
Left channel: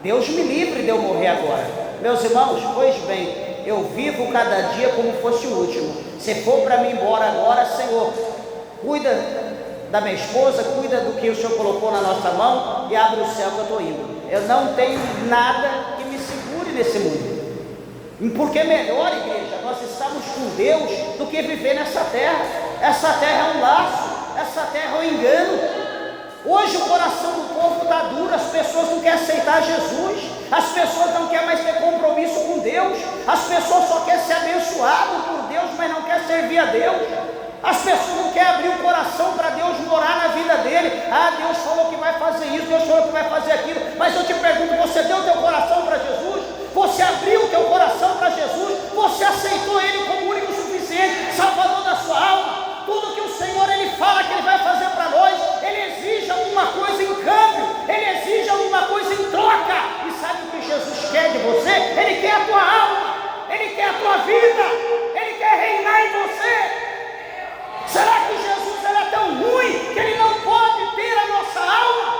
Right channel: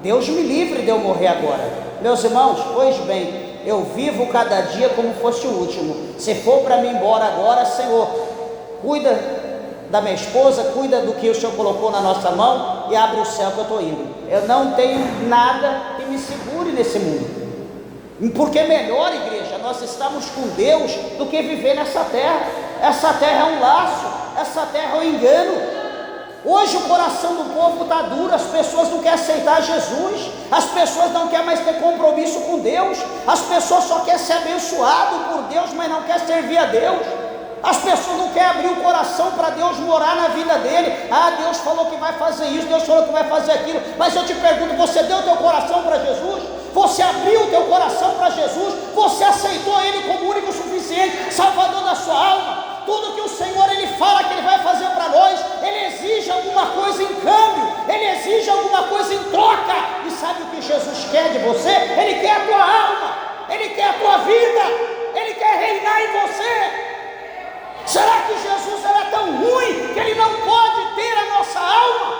Deus me livre de eu morrer agora. Meus irmãos, pois bem, eu vivo cada dia como fosse o último. Se for para mim embora agora, Senhor, cuida da minha esposa, cuida do que o Senhor colocou na nossa mão e abre o céu que eu estou indo. Eu não tenho nada que me segure nesse mundo. Porque é melhor, igreja, nós estamos com Deus do que viver nessa terra. Essa terra é um laço, essa terra é um engano. Hoje o coração do povo está duro, as pessoas não querem aceitar Jesus, as pessoas não querem mais ter compromisso com Deus, as pessoas só querem ser abençoado por Deus, mas não querem servir a Deus. As pessoas não querem abrir o coração para Deus morar na vida dele. Deus falou que vai fazer isso, Deus falou que vai fazer aquilo. Mas eu te pergunto: você deu o teu coração para Jesus? Você abriu o teu coração para Jesus? Você aceitou Ele como único e suficiente Salvador da sua alma? Tudo que o Senhor Ele fala que Ele vai fazer para nós, Ele exige alguma coisa em câmbio, Ele exige alguma coisa em troca. E sabe o que Jesus quer de você? Ele quer a tua alma, Ele quer a tua vida, Ele quer reinar em você. Será que Jesus era tão ruim que Ele não pode ter a nossa alma?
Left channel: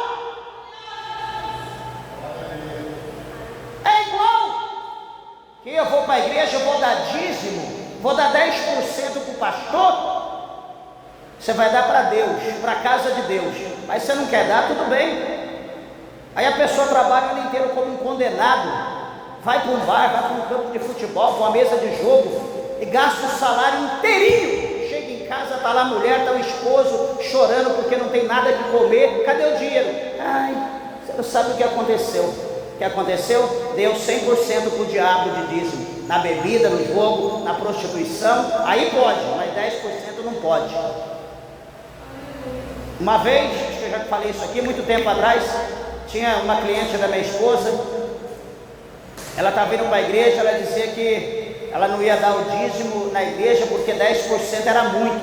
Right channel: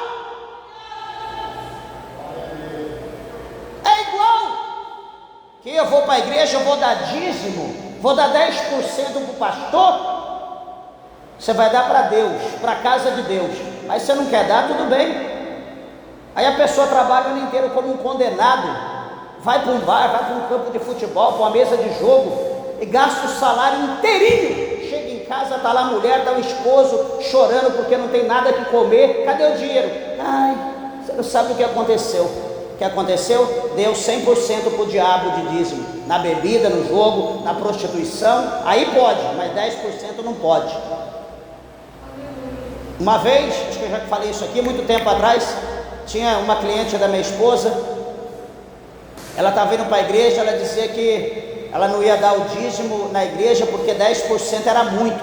É igual que eu vou para a igreja, eu vou dar dízimo, vou dar 10% para o pastor. Você vai dar para Deus, para a casa de Deus, mas você não quer dar, tudo bem. Aí a pessoa trabalha o ano inteiro como um condenado, vai para um bar, vai para um campo de futebol, para uma mesa de jogo e gasta o salário inteirinho. Chega em casa, está lá a mulher, está o esposo chorando porque não tem nada que comer. Cadê o dinheiro? Você não sabe o que aconteceu. O que aconteceu? Deu 100% para o diabo de dízimo, na bebida, no jogo, na prostituição. Aí pode, mas 10% não pode. Uma vez, acho que eu já falei isso aqui, muito tempo atrás, tinha uma cliente da minha esposa. Ela estava vindo para a igreja, ela dizia que ela não ia dar o dízimo na igreja porque 10% era muito.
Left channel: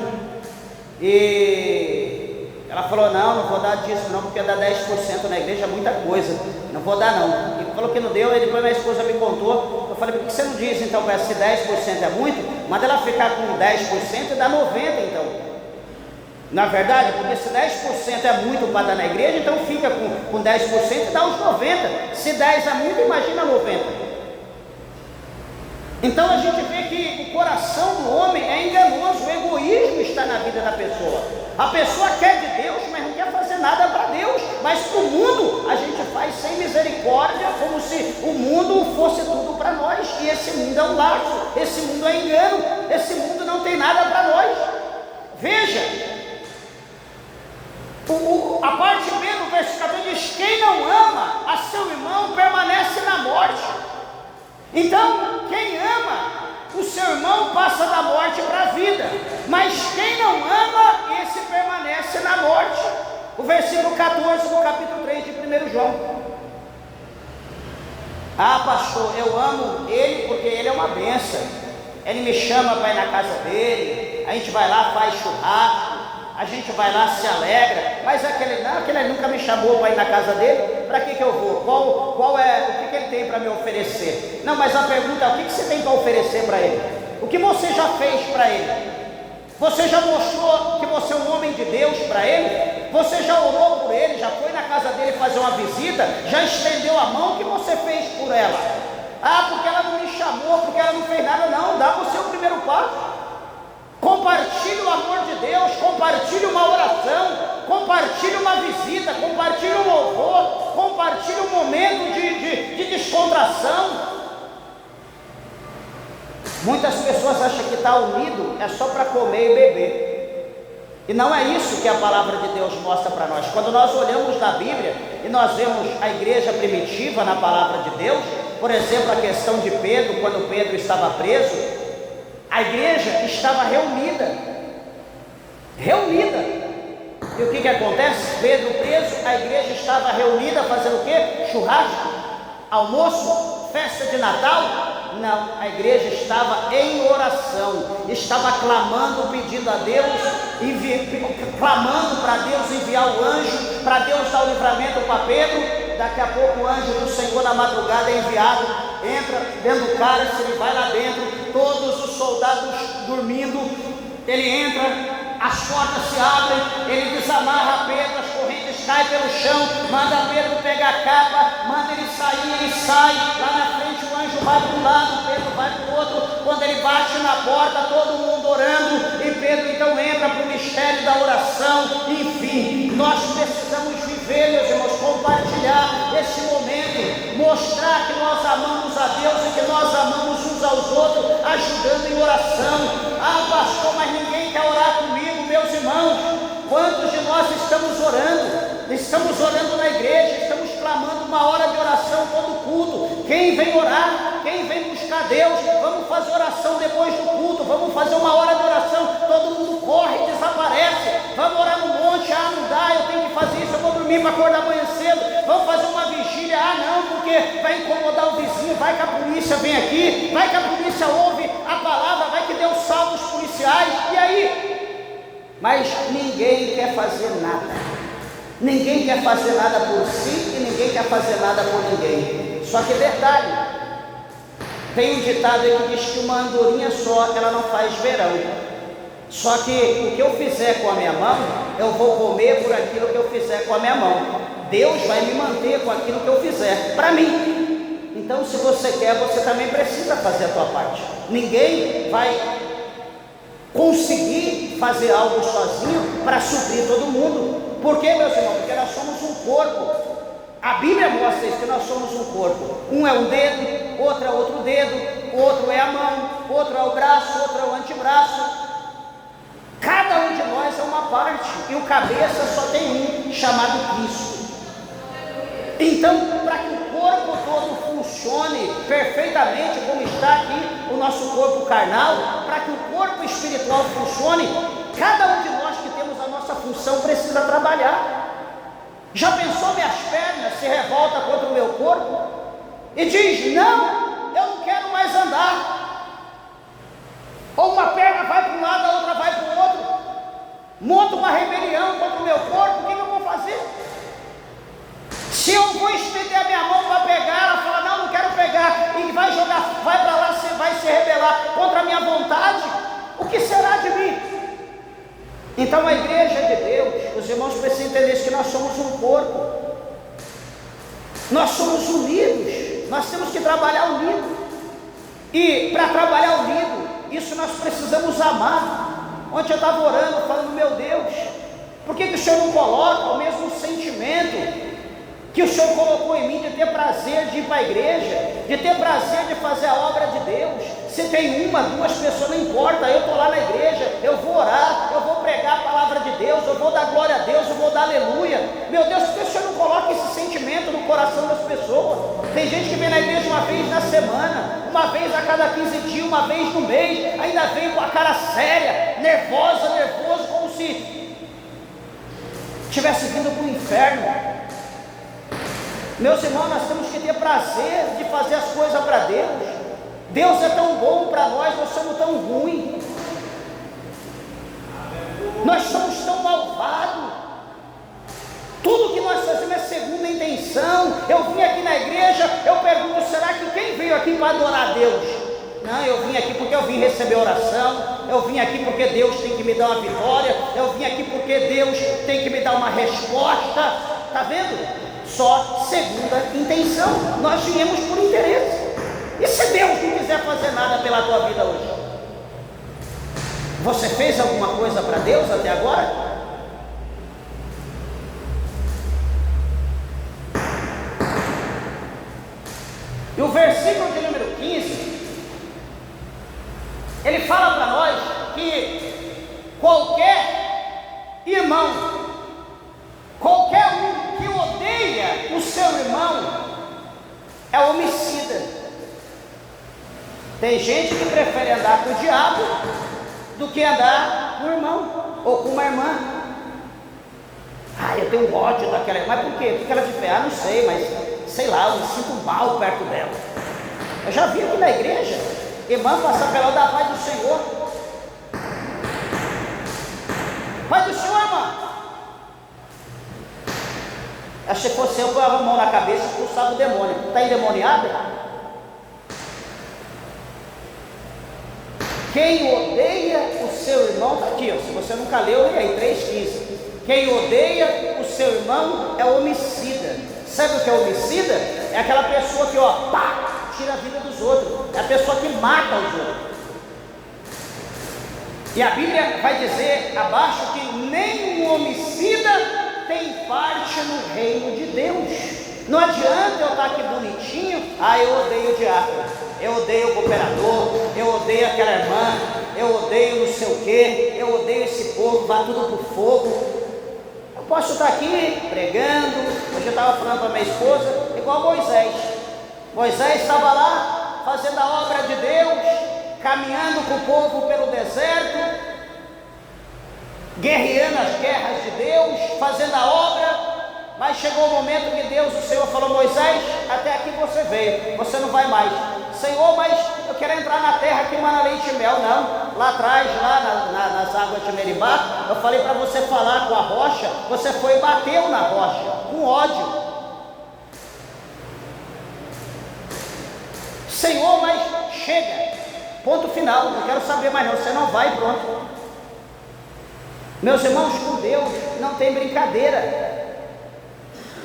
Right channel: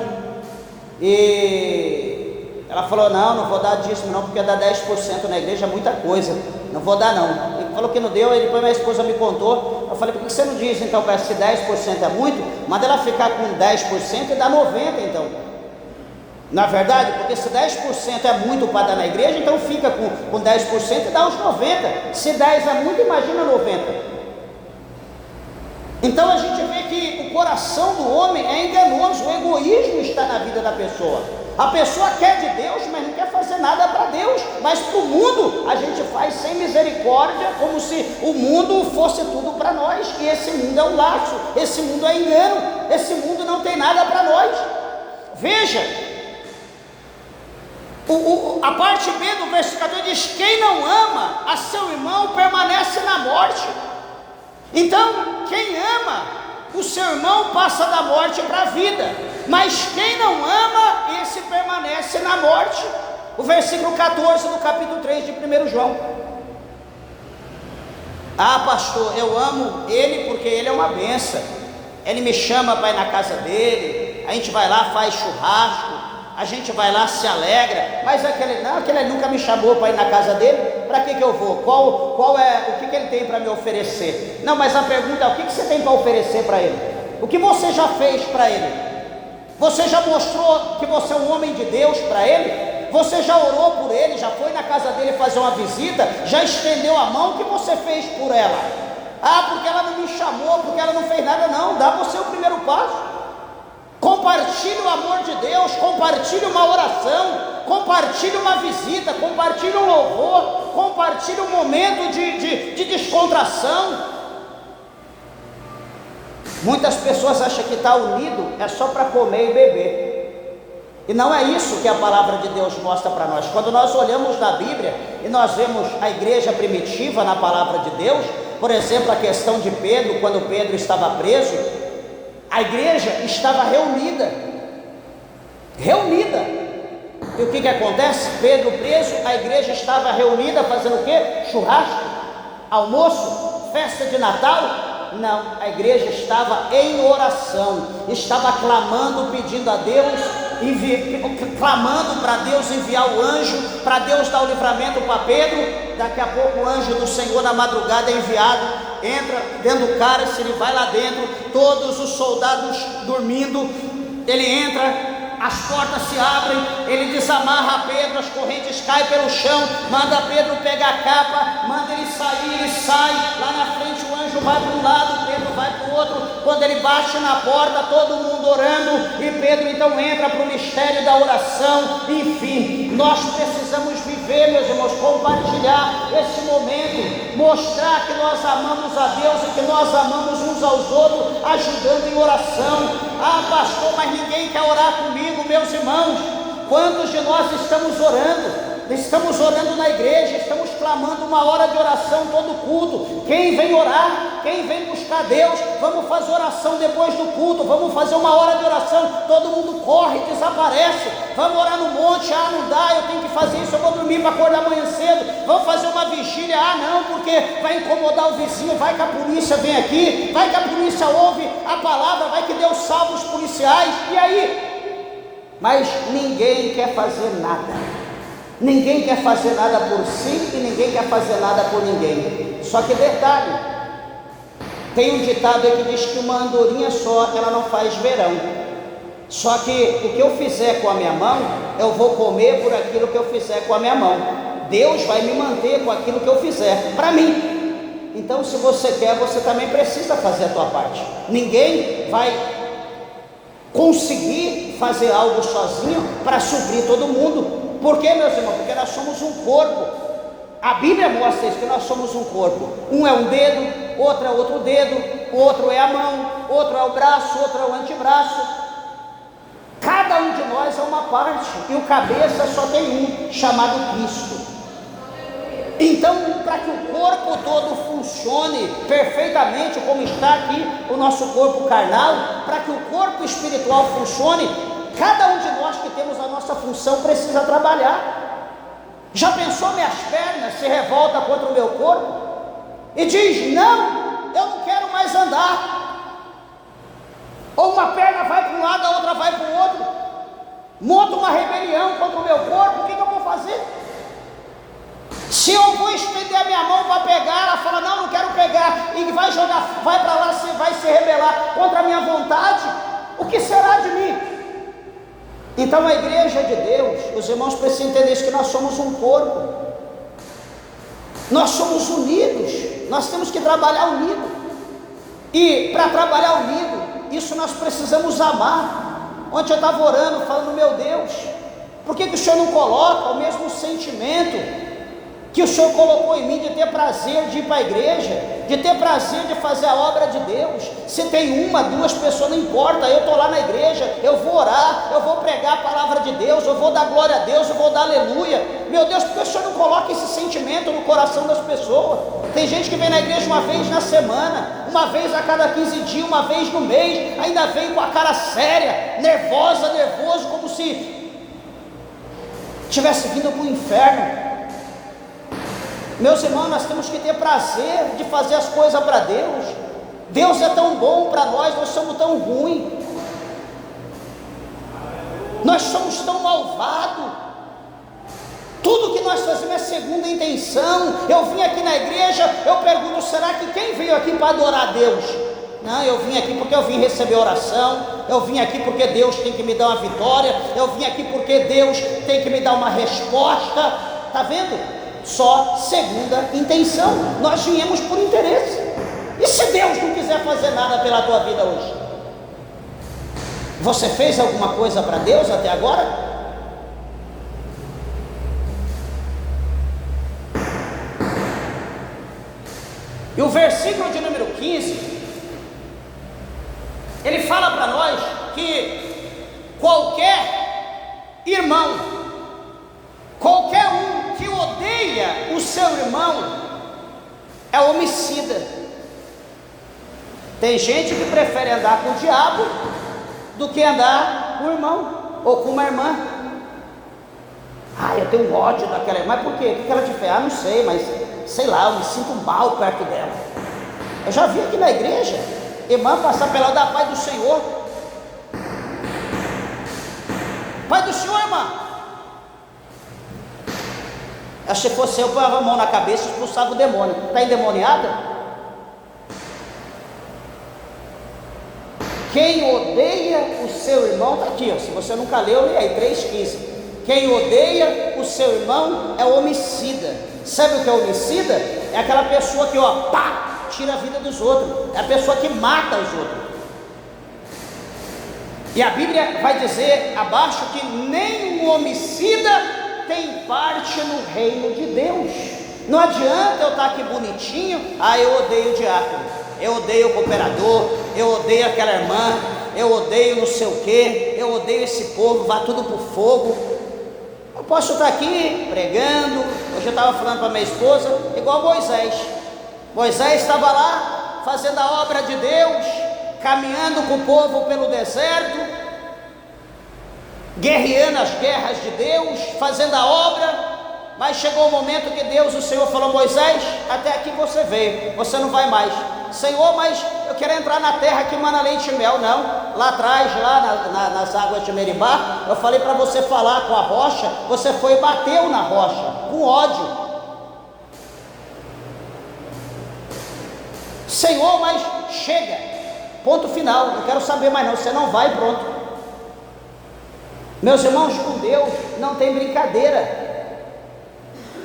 E ela falou: não vou dar dízimo não, porque dar 10% na igreja é muita coisa, não vou dar não. E falou que não deu. Aí depois minha esposa me contou. Eu falei: por que você não diz então, para se 10% é muito, manda ela ficar com 10% e dá 90% então. Na verdade, porque se 10% é muito para dar na igreja, então fica com 10% e dá os 90%. Se 10% é muito, imagina 90%. Então a gente vê que o coração do homem é enganoso, o egoísmo está na vida da pessoa. A pessoa quer de Deus, mas não quer fazer nada para Deus. Mas para o mundo a gente faz sem misericórdia, como se o mundo fosse tudo para nós. E esse mundo é um laço, esse mundo é engano, esse mundo não tem nada para nós. Veja, a parte B do versículo 14 diz: quem não ama a seu irmão permanece na morte. Então, quem ama o seu irmão passa da morte para a vida, mas quem não ama, esse permanece na morte. O versículo 14 do capítulo 3 de 1 João. Pastor, eu amo ele porque ele é uma bênção. Ele me chama para ir na casa dele, a gente vai lá, faz churrasco, a gente vai lá, se alegra, mas aquele nunca me chamou para ir na casa dele, para que eu vou? O que ele tem para me oferecer? Não, mas a pergunta é, o que você tem para oferecer para ele? O que você já fez para ele? Você já mostrou que você é um homem de Deus para ele? Você já orou por ele, já foi na casa dele fazer uma visita, já estendeu a mão? O que você fez por ela? Porque ela não me chamou, porque ela não fez nada. Não, dá você o primeiro passo. Compartilhe o amor de Deus, compartilhe uma oração, compartilhe uma visita, compartilhe um louvor, compartilhe um momento de descontração. Muitas pessoas acham que estar unido é só para comer e beber, e não é isso que a palavra de Deus mostra para nós. Quando nós olhamos na Bíblia e nós vemos a igreja primitiva na palavra de Deus, por exemplo, a questão de Pedro, quando Pedro estava preso, a igreja estava reunida, e o que acontece? Pedro preso, a igreja estava reunida fazendo o quê? Churrasco, almoço, festa de Natal? Não, a igreja estava em oração, estava clamando, pedindo a Deus, clamando para Deus enviar o anjo, para Deus dar o livramento para Pedro. Daqui a pouco o anjo do Senhor na madrugada é enviado, entra dentro do cálice, ele vai lá dentro, todos os soldados dormindo, ele entra, as portas se abrem, ele desamarra Pedro, as correntes caem pelo chão, manda Pedro pegar a capa, manda ele sair, ele sai, lá na frente o anjo vai para um lado, Pedro vai para o outro. Quando ele bate na porta, todo mundo orando, e Pedro então entra para o mistério da oração. Enfim, nós precisamos viver, meus irmãos, compartilhar esse momento, mostrar que nós amamos a Deus e que nós amamos uns aos outros, ajudando em oração. Pastor, mas ninguém quer orar comigo. Meus irmãos, quantos de nós estamos orando? Estamos orando na igreja, estamos clamando uma hora de oração todo culto. Quem vem orar? Quem vem buscar Deus? Vamos fazer oração depois do culto, vamos fazer uma hora de oração, todo mundo corre, desaparece. Vamos orar no monte, não dá, eu tenho que fazer isso, eu vou dormir para acordar amanhã cedo. Vamos fazer uma vigília, não, porque vai incomodar o vizinho, vai que a polícia vem aqui, vai que a polícia ouve a palavra, vai que Deus salva os policiais, e aí? Mas ninguém quer fazer nada. Ninguém quer fazer nada por si e ninguém quer fazer nada por ninguém. Só que é verdade, tem um ditado aí que diz que uma andorinha só, ela não faz verão. Só que o que eu fizer com a minha mão, eu vou comer por aquilo que eu fizer com a minha mão. Deus vai me manter com aquilo que eu fizer para mim. Então, se você quer, você também precisa fazer a tua parte. Ninguém vai conseguir fazer algo sozinho para suprir todo mundo. Por quê, meus irmãos? Porque nós somos um corpo. A Bíblia mostra isso, que nós somos um corpo. Um é um dedo, outro é outro dedo, outro é a mão, outro é o braço, outro é o antebraço. Cada um de nós é uma parte, e o cabeça só tem um, chamado Cristo. Então, para que o corpo todo funcione perfeitamente, como está aqui o nosso corpo carnal, para que o corpo espiritual funcione, cada um de nós que temos a nossa função precisa trabalhar. Já pensou, minhas pernas se revoltam contra o meu corpo e diz, não, eu não quero mais andar. Ou uma perna vai para um lado, a outra vai para o outro, monta uma rebelião contra o meu corpo. O que eu vou fazer? Se eu vou estender a minha mão para pegar, ela fala, não quero pegar, e vai jogar, vai para lá, vai se rebelar contra a minha vontade, o que será de mim? Então a igreja de Deus, os irmãos precisam entender isso, que nós somos um corpo, nós somos unidos, nós temos que trabalhar unido, e para trabalhar unido, isso nós precisamos amar. Ontem eu estava orando, falando, meu Deus, por que o Senhor não coloca o mesmo sentimento que o Senhor colocou em mim, de ter prazer de ir para a igreja, de ter prazer de fazer a obra de Deus? Se tem uma, duas pessoas, não importa, eu estou lá na igreja, eu vou orar, eu vou pregar a palavra de Deus, eu vou dar glória a Deus, eu vou dar aleluia. Meu Deus, por que o Senhor não coloca esse sentimento no coração das pessoas? Tem gente que vem na igreja uma vez na semana, uma vez a cada 15 dias, uma vez no mês, ainda vem com a cara séria, nervoso, como se tivesse vindo para o inferno. Meus irmãos, nós temos que ter prazer de fazer as coisas para Deus. Deus é tão bom para nós, nós somos tão ruins. Nós somos tão malvados. Tudo que nós fazemos é segunda intenção. Eu vim aqui na igreja, eu pergunto, será que quem veio aqui para adorar a Deus? Não, eu vim aqui porque eu vim receber oração, eu vim aqui porque Deus tem que me dar uma vitória, eu vim aqui porque Deus tem que me dar uma resposta. Está vendo? Só segunda intenção. Nós viemos por interesse. E se Deus não quiser fazer nada pela tua vida hoje? Você fez alguma coisa para Deus até agora? E o versículo de número 15, ele fala para nós que qualquer irmão, qualquer um que odeia o seu irmão, é homicida. Tem gente que prefere andar com o diabo do que andar com o irmão, ou com uma irmã. Eu tenho ódio daquela irmã. Mas por quê? O que ela te fez? Não sei, mas sei lá, eu me sinto mal perto dela. Eu já vi aqui na igreja irmã passar pela da paz do Senhor. Pai do Senhor, irmã. Se fosse eu, põe a mão na cabeça e expulsava o demônio. Está endemoniada? Quem odeia o seu irmão, está aqui, ó. Se você nunca leu, leia aí, 3,15. Quem odeia o seu irmão é homicida. Sabe o que é homicida? É aquela pessoa que, tira a vida dos outros. É a pessoa que mata os outros. E a Bíblia vai dizer abaixo que nenhum homicida tem parte no reino de Deus. Não adianta eu estar aqui bonitinho, eu odeio o diácono, eu odeio o cooperador, eu odeio aquela irmã, eu odeio não sei o que, eu odeio esse povo, vá tudo para o fogo. Eu posso estar aqui pregando. Hoje eu estava falando para minha esposa, igual Moisés. Moisés estava lá fazendo a obra de Deus, caminhando com o povo pelo deserto, guerreando as guerras de Deus, fazendo a obra. Mas chegou o momento que Deus, o Senhor, falou: Moisés, até aqui você veio, você não vai mais. Senhor, mas eu quero entrar na terra que mana leite e mel. Não, lá atrás, lá nas águas de Meribá, eu falei para você falar com a rocha, você foi e bateu na rocha, com ódio. Senhor, mas chega, ponto final, não quero saber mais não, você não vai, pronto. Meus irmãos, com Deus não tem brincadeira.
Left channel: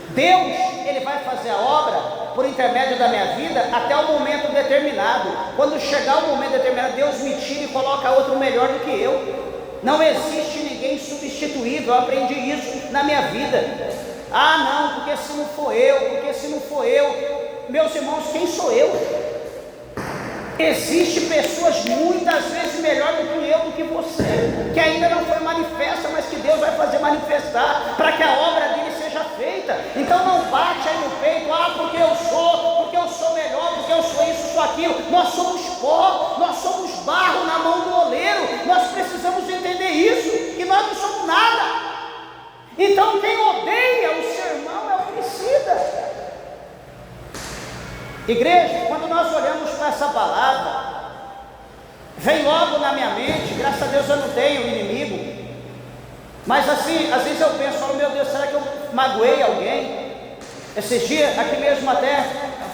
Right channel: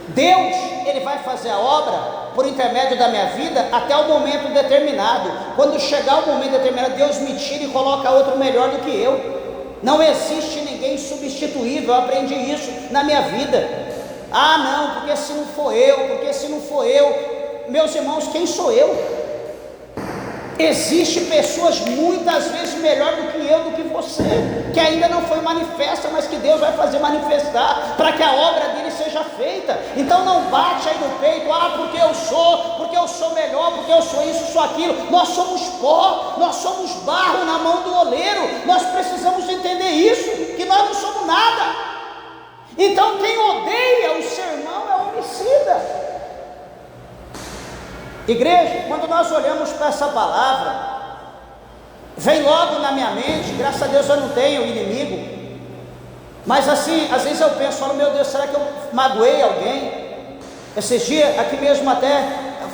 Deus, Ele vai fazer a obra por intermédio da minha vida até o momento determinado. Quando chegar o momento determinado, Deus me tira e coloca outro melhor do que eu. Não existe ninguém substituível. Eu aprendi isso na minha vida. Não, porque se não for eu, meus irmãos, quem sou eu? Existem pessoas muitas vezes melhor do que eu, do que você, que ainda não foi manifesta, mas que Deus vai fazer manifestar, para que a obra dele seja feita. Então não bate aí no peito, porque eu sou melhor, porque eu sou isso, sou aquilo. Nós somos pó, nós somos barro na mão do oleiro. Nós precisamos entender isso, que nós não somos nada. Então quem odeia o seu irmão é homicida. Igreja, quando nós olhamos para essa palavra, vem logo na minha mente, graças a Deus eu não tenho inimigo, mas assim, às vezes eu penso, meu Deus, será que eu magoei alguém? Esses dias, aqui mesmo até,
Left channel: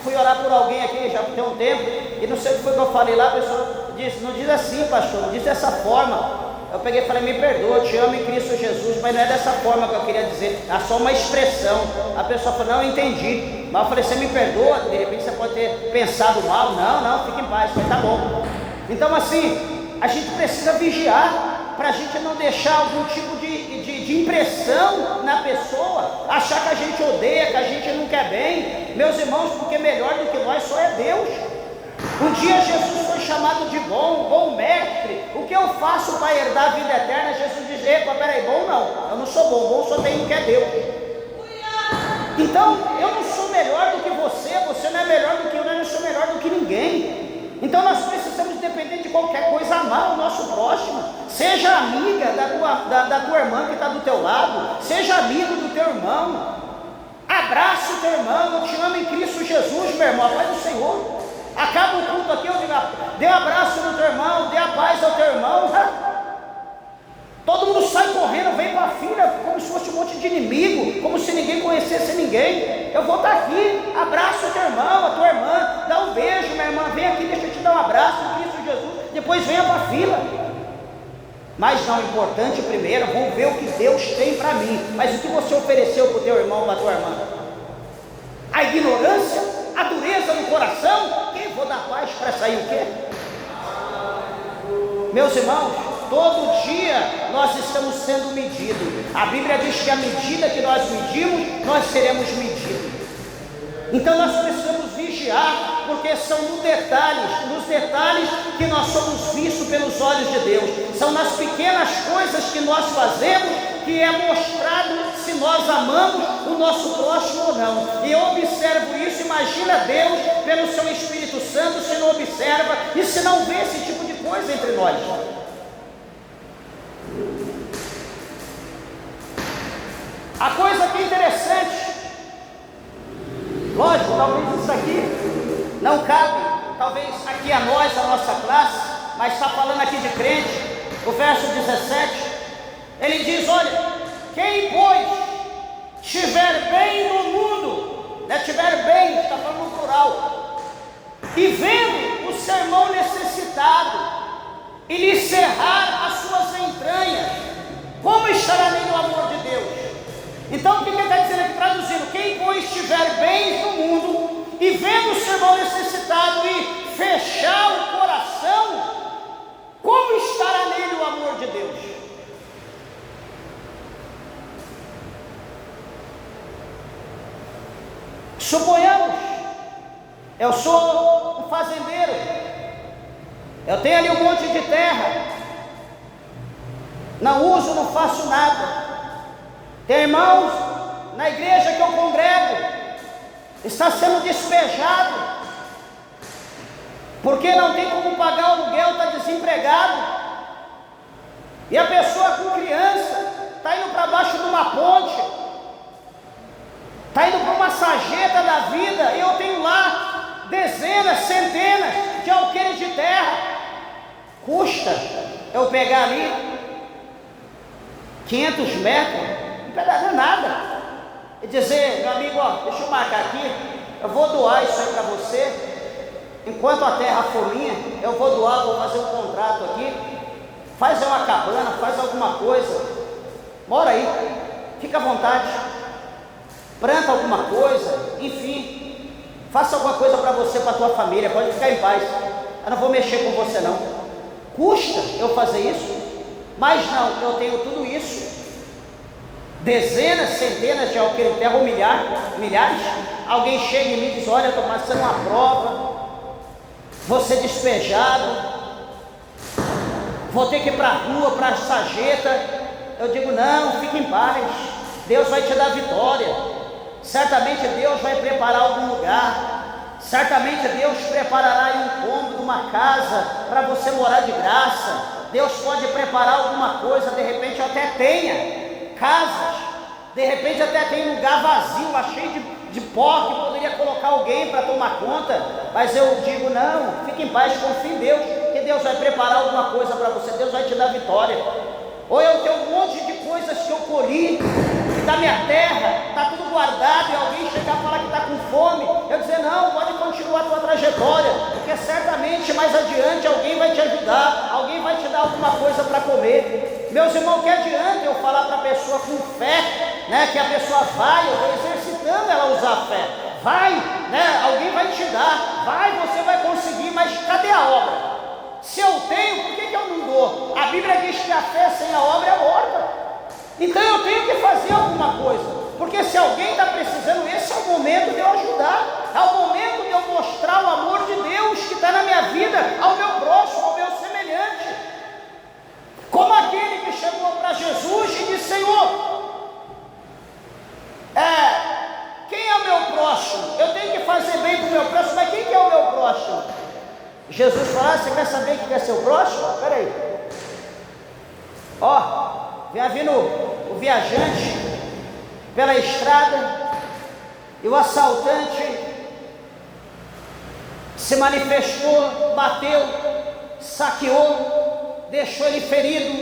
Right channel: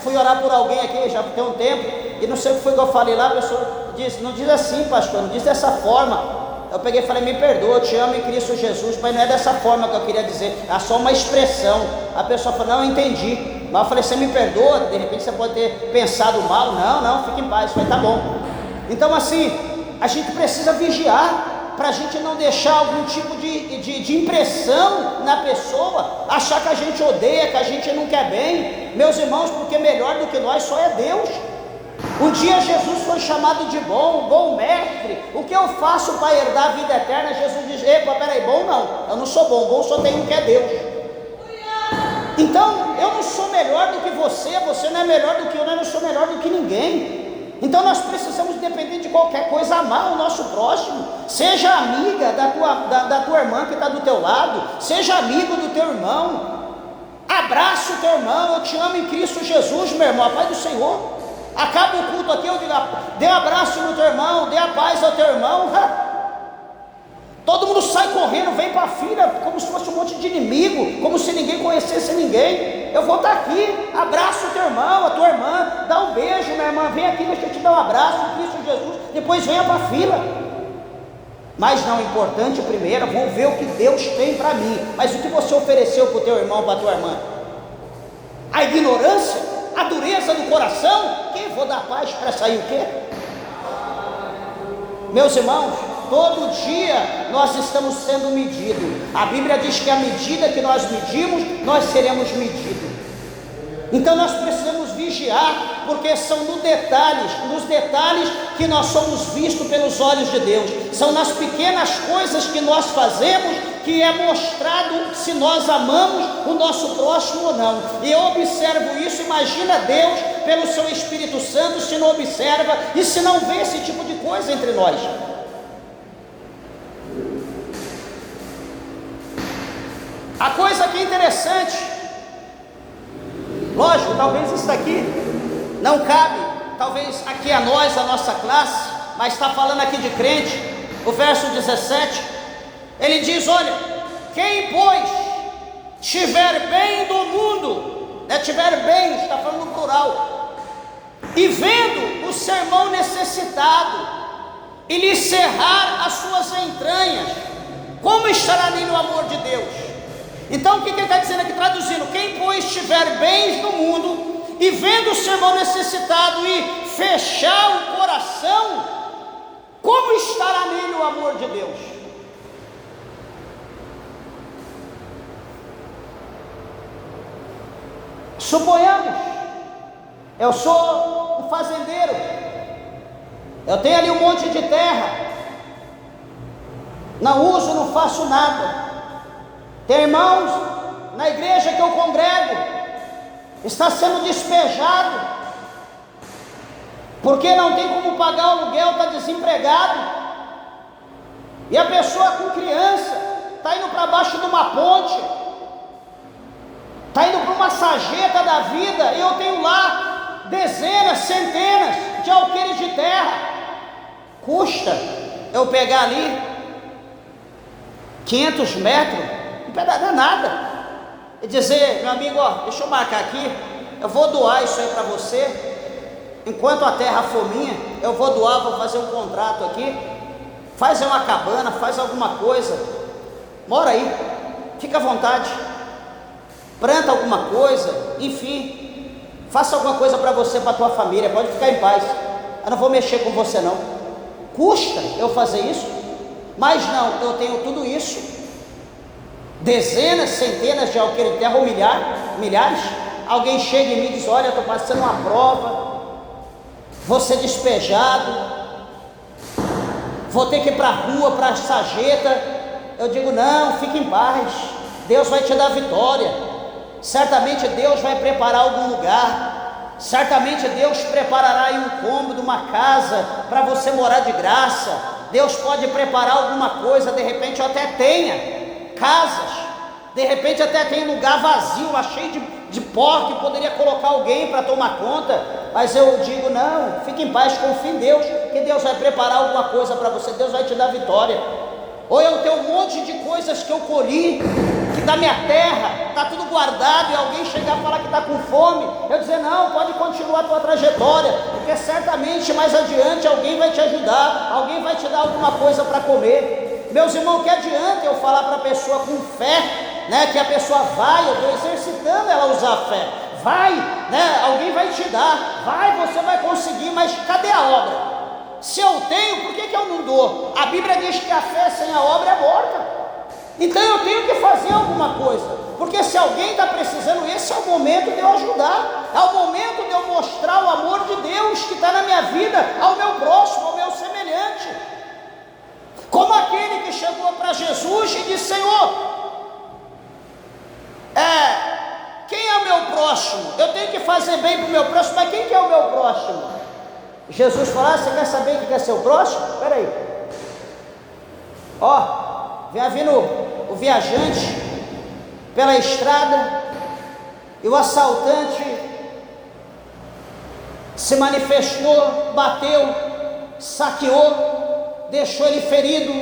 fui orar por alguém aqui, já tem um tempo, e não sei o que foi que eu falei lá, a pessoa disse, não diz assim, pastor, não diz dessa forma. Eu peguei e falei: me perdoa, eu te amo em Cristo Jesus, mas não é dessa forma que eu queria dizer, é só uma expressão. A pessoa falou: não, eu entendi. Mas eu falei: você me perdoa? De repente você pode ter pensado mal. Não, fique em paz. Eu falei: tá bom. Então assim, a gente precisa vigiar, para a gente não deixar algum tipo de impressão na pessoa, achar que a gente odeia, que a gente não quer bem. Meus irmãos, porque melhor do que nós só é Deus. Um dia Jesus foi chamado de bom mestre. O que eu faço para herdar a vida eterna? Jesus diz: epa, peraí, bom não, eu não sou bom só tem um que é Deus. Então eu não sou melhor do que você não é melhor do que eu, não sou melhor do que ninguém. Então nós precisamos, independente de qualquer coisa, amar o nosso próximo. Seja amiga da tua irmã que está do teu lado, seja amigo do teu irmão, abraça o teu irmão. Eu te amo em Cristo Jesus, meu irmão, a paz do Senhor. Acaba o culto aqui, eu digo: dê um abraço no teu irmão, dê a paz ao teu irmão. Todo mundo sai correndo, vem para a fila, como se fosse um monte de inimigo, como se ninguém conhecesse ninguém. Eu vou estar aqui, abraço o teu irmão, a tua irmã, dá um beijo, minha irmã, vem aqui, deixa eu te dar um abraço em Cristo Jesus, depois venha para a fila. Mas não, o importante primeiro, vou ver o que Deus tem para mim. Mas o que você ofereceu para o teu irmão, para a tua irmã? A ignorância, a dureza do coração? Quem vou dar paz para sair o quê? Meus irmãos, todo dia nós estamos sendo medidos. A Bíblia diz que à medida que nós medimos, nós seremos medidos. Então nós precisamos vigiar, porque são nos detalhes que nós somos vistos pelos olhos de Deus. São nas pequenas coisas que nós fazemos que é mostrado se nós amamos o nosso próximo ou não. E eu observo isso. Imagina Deus pelo seu Espírito Santo se não observa e se não vê esse tipo de coisa entre nós. A coisa que é interessante, lógico, talvez isso daqui não cabe, talvez aqui a nós, a nossa classe, mas está falando aqui de crente. O verso 17, ele diz: olha, quem pois tiver bem no mundo, tiver bem, está falando no plural, e vendo o seu irmão necessitado, e lhe cerrar as suas entranhas, como estará nele o amor de Deus? Então o que ele está dizendo aqui, traduzindo: quem pois tiver bens no mundo, e vendo o seu irmão necessitado, e fechar o coração, como estará nele o amor de Deus? Suponhamos, eu sou um fazendeiro, eu tenho ali um monte de terra, não uso, não faço nada. Tem irmãos na igreja que eu congrego, está sendo despejado, porque não tem como pagar o aluguel, está desempregado, e a pessoa com criança está indo para baixo de uma ponte, está indo para uma sarjeta da vida, e eu tenho lá dezenas, centenas de alqueires de terra. Custa eu pegar ali 500 metros, não é nada, e dizer: meu amigo, ó, deixa eu marcar aqui, eu vou doar isso aí para você, enquanto a terra for minha, eu vou doar, vou fazer um contrato aqui, faz uma cabana, faz alguma coisa, mora aí, fica à vontade, planta alguma coisa, enfim, faça alguma coisa para você, para a tua família, pode ficar em paz, eu não vou mexer com você não. Custa eu fazer isso? Mas não, eu tenho tudo isso, dezenas, centenas de alqueires de terra, ou milhares. Alguém chega e me diz: olha, estou passando uma prova, vou ser despejado, vou ter que ir para a rua, para a sarjeta. Eu digo: não, fique em paz, Deus vai te dar vitória, certamente Deus vai preparar algum lugar, certamente Deus preparará aí um cômodo, uma casa para você morar de graça. Deus pode preparar alguma coisa, de repente eu até tenha casas, de repente até tem lugar vazio, lá cheio de pó, que poderia colocar alguém para tomar conta. Mas eu digo: não, fique em paz, confie em Deus, que Deus vai preparar alguma coisa para você, Deus vai te dar vitória. Ou eu tenho um monte de coisas que eu colhi, que da minha terra, está tudo guardado, e alguém chegar e falar que está com fome, eu dizer: não, pode continuar a tua trajetória, porque certamente mais adiante alguém vai te ajudar, alguém vai te dar alguma coisa para comer. Meus irmãos, que adianta eu falar para a pessoa com fé, que a pessoa vai, eu estou exercitando ela a usar a fé, vai, alguém vai te dar, vai, você vai conseguir, mas cadê a obra? Se eu tenho, por que eu não dou? A Bíblia diz que a fé sem a obra é morta. Então eu tenho que fazer alguma coisa, porque se alguém está precisando, esse é o momento de eu ajudar, é o momento de eu mostrar o amor de Deus que está na minha vida, ao meu próximo, ao meu semelhante. Como aquele que chegou para Jesus e disse: Senhor, quem é o meu próximo? Eu tenho que fazer bem para o meu próximo, mas quem que é o meu próximo? Jesus falou: você quer saber quem é seu próximo? Espera aí, vem vindo o viajante pela estrada, e o assaltante se manifestou, bateu, saqueou, deixou ele ferido,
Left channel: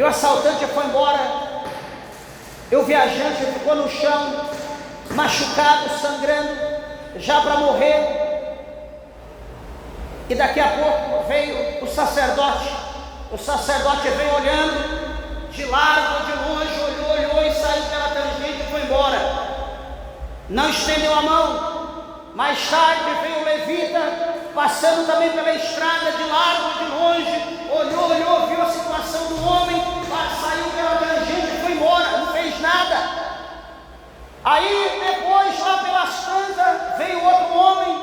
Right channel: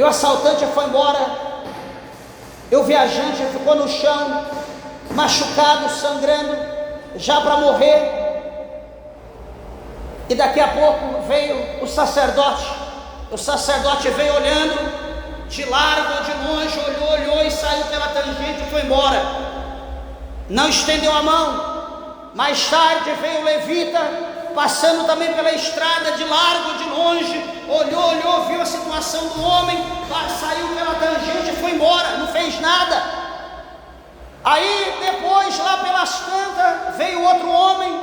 E o assaltante foi embora, e o viajante ficou no chão, machucado, sangrando, já para morrer. E daqui a pouco veio o sacerdote veio olhando, de largo, de longe, olhou e saiu pela tangente e foi embora, não estendeu a mão. Mais tarde veio o levita, passando também pela estrada, de largo, de longe, olhou, viu a situação do homem, saiu pela tangente e foi embora, não fez nada. Aí depois, lá pelas tantas, veio outro homem,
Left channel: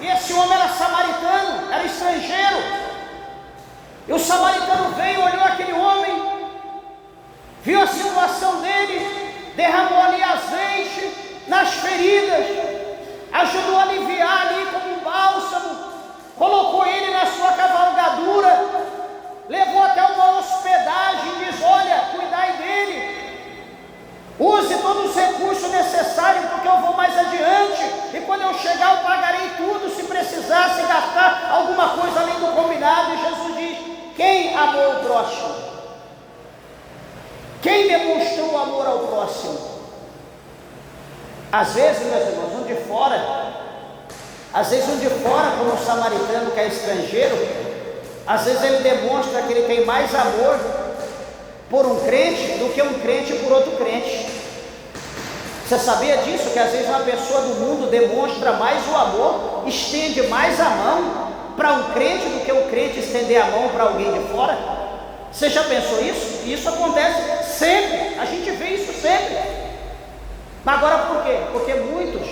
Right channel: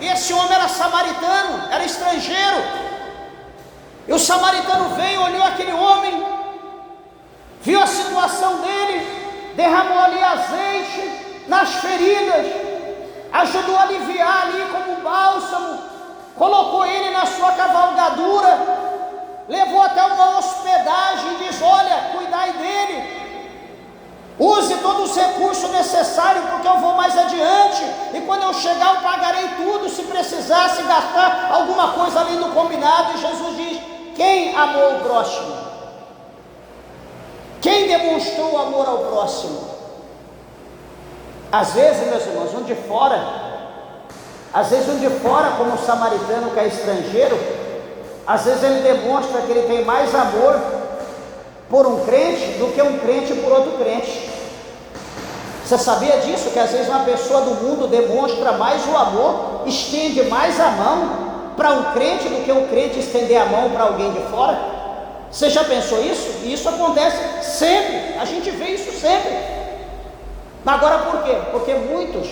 e esse homem era samaritano, era estrangeiro, e o samaritano veio, olhou aquele homem, viu a situação dele, derramou ali azeite nas feridas, ajudou a aliviar ali como bálsamo, colocou ele na sua cavalgadura, levou até uma hospedagem e diz: olha, cuidai dele, use todos os recursos necessários, porque eu vou mais adiante, e quando eu chegar eu pagarei tudo, se precisasse gastar alguma coisa além do combinado. E Jesus diz: quem amou o próximo? Quem demonstrou amor ao próximo? Às vezes, meus irmãos, um de fora, como o samaritano que é estrangeiro, às vezes ele demonstra que ele tem mais amor por um crente do que um crente por outro crente. Você sabia disso? Que às vezes uma pessoa do mundo demonstra mais o amor, estende mais a mão para um crente do que um crente estender a mão para alguém de fora? Você já pensou isso? E isso acontece sempre, a gente vê isso sempre. Agora por quê? Porque muitos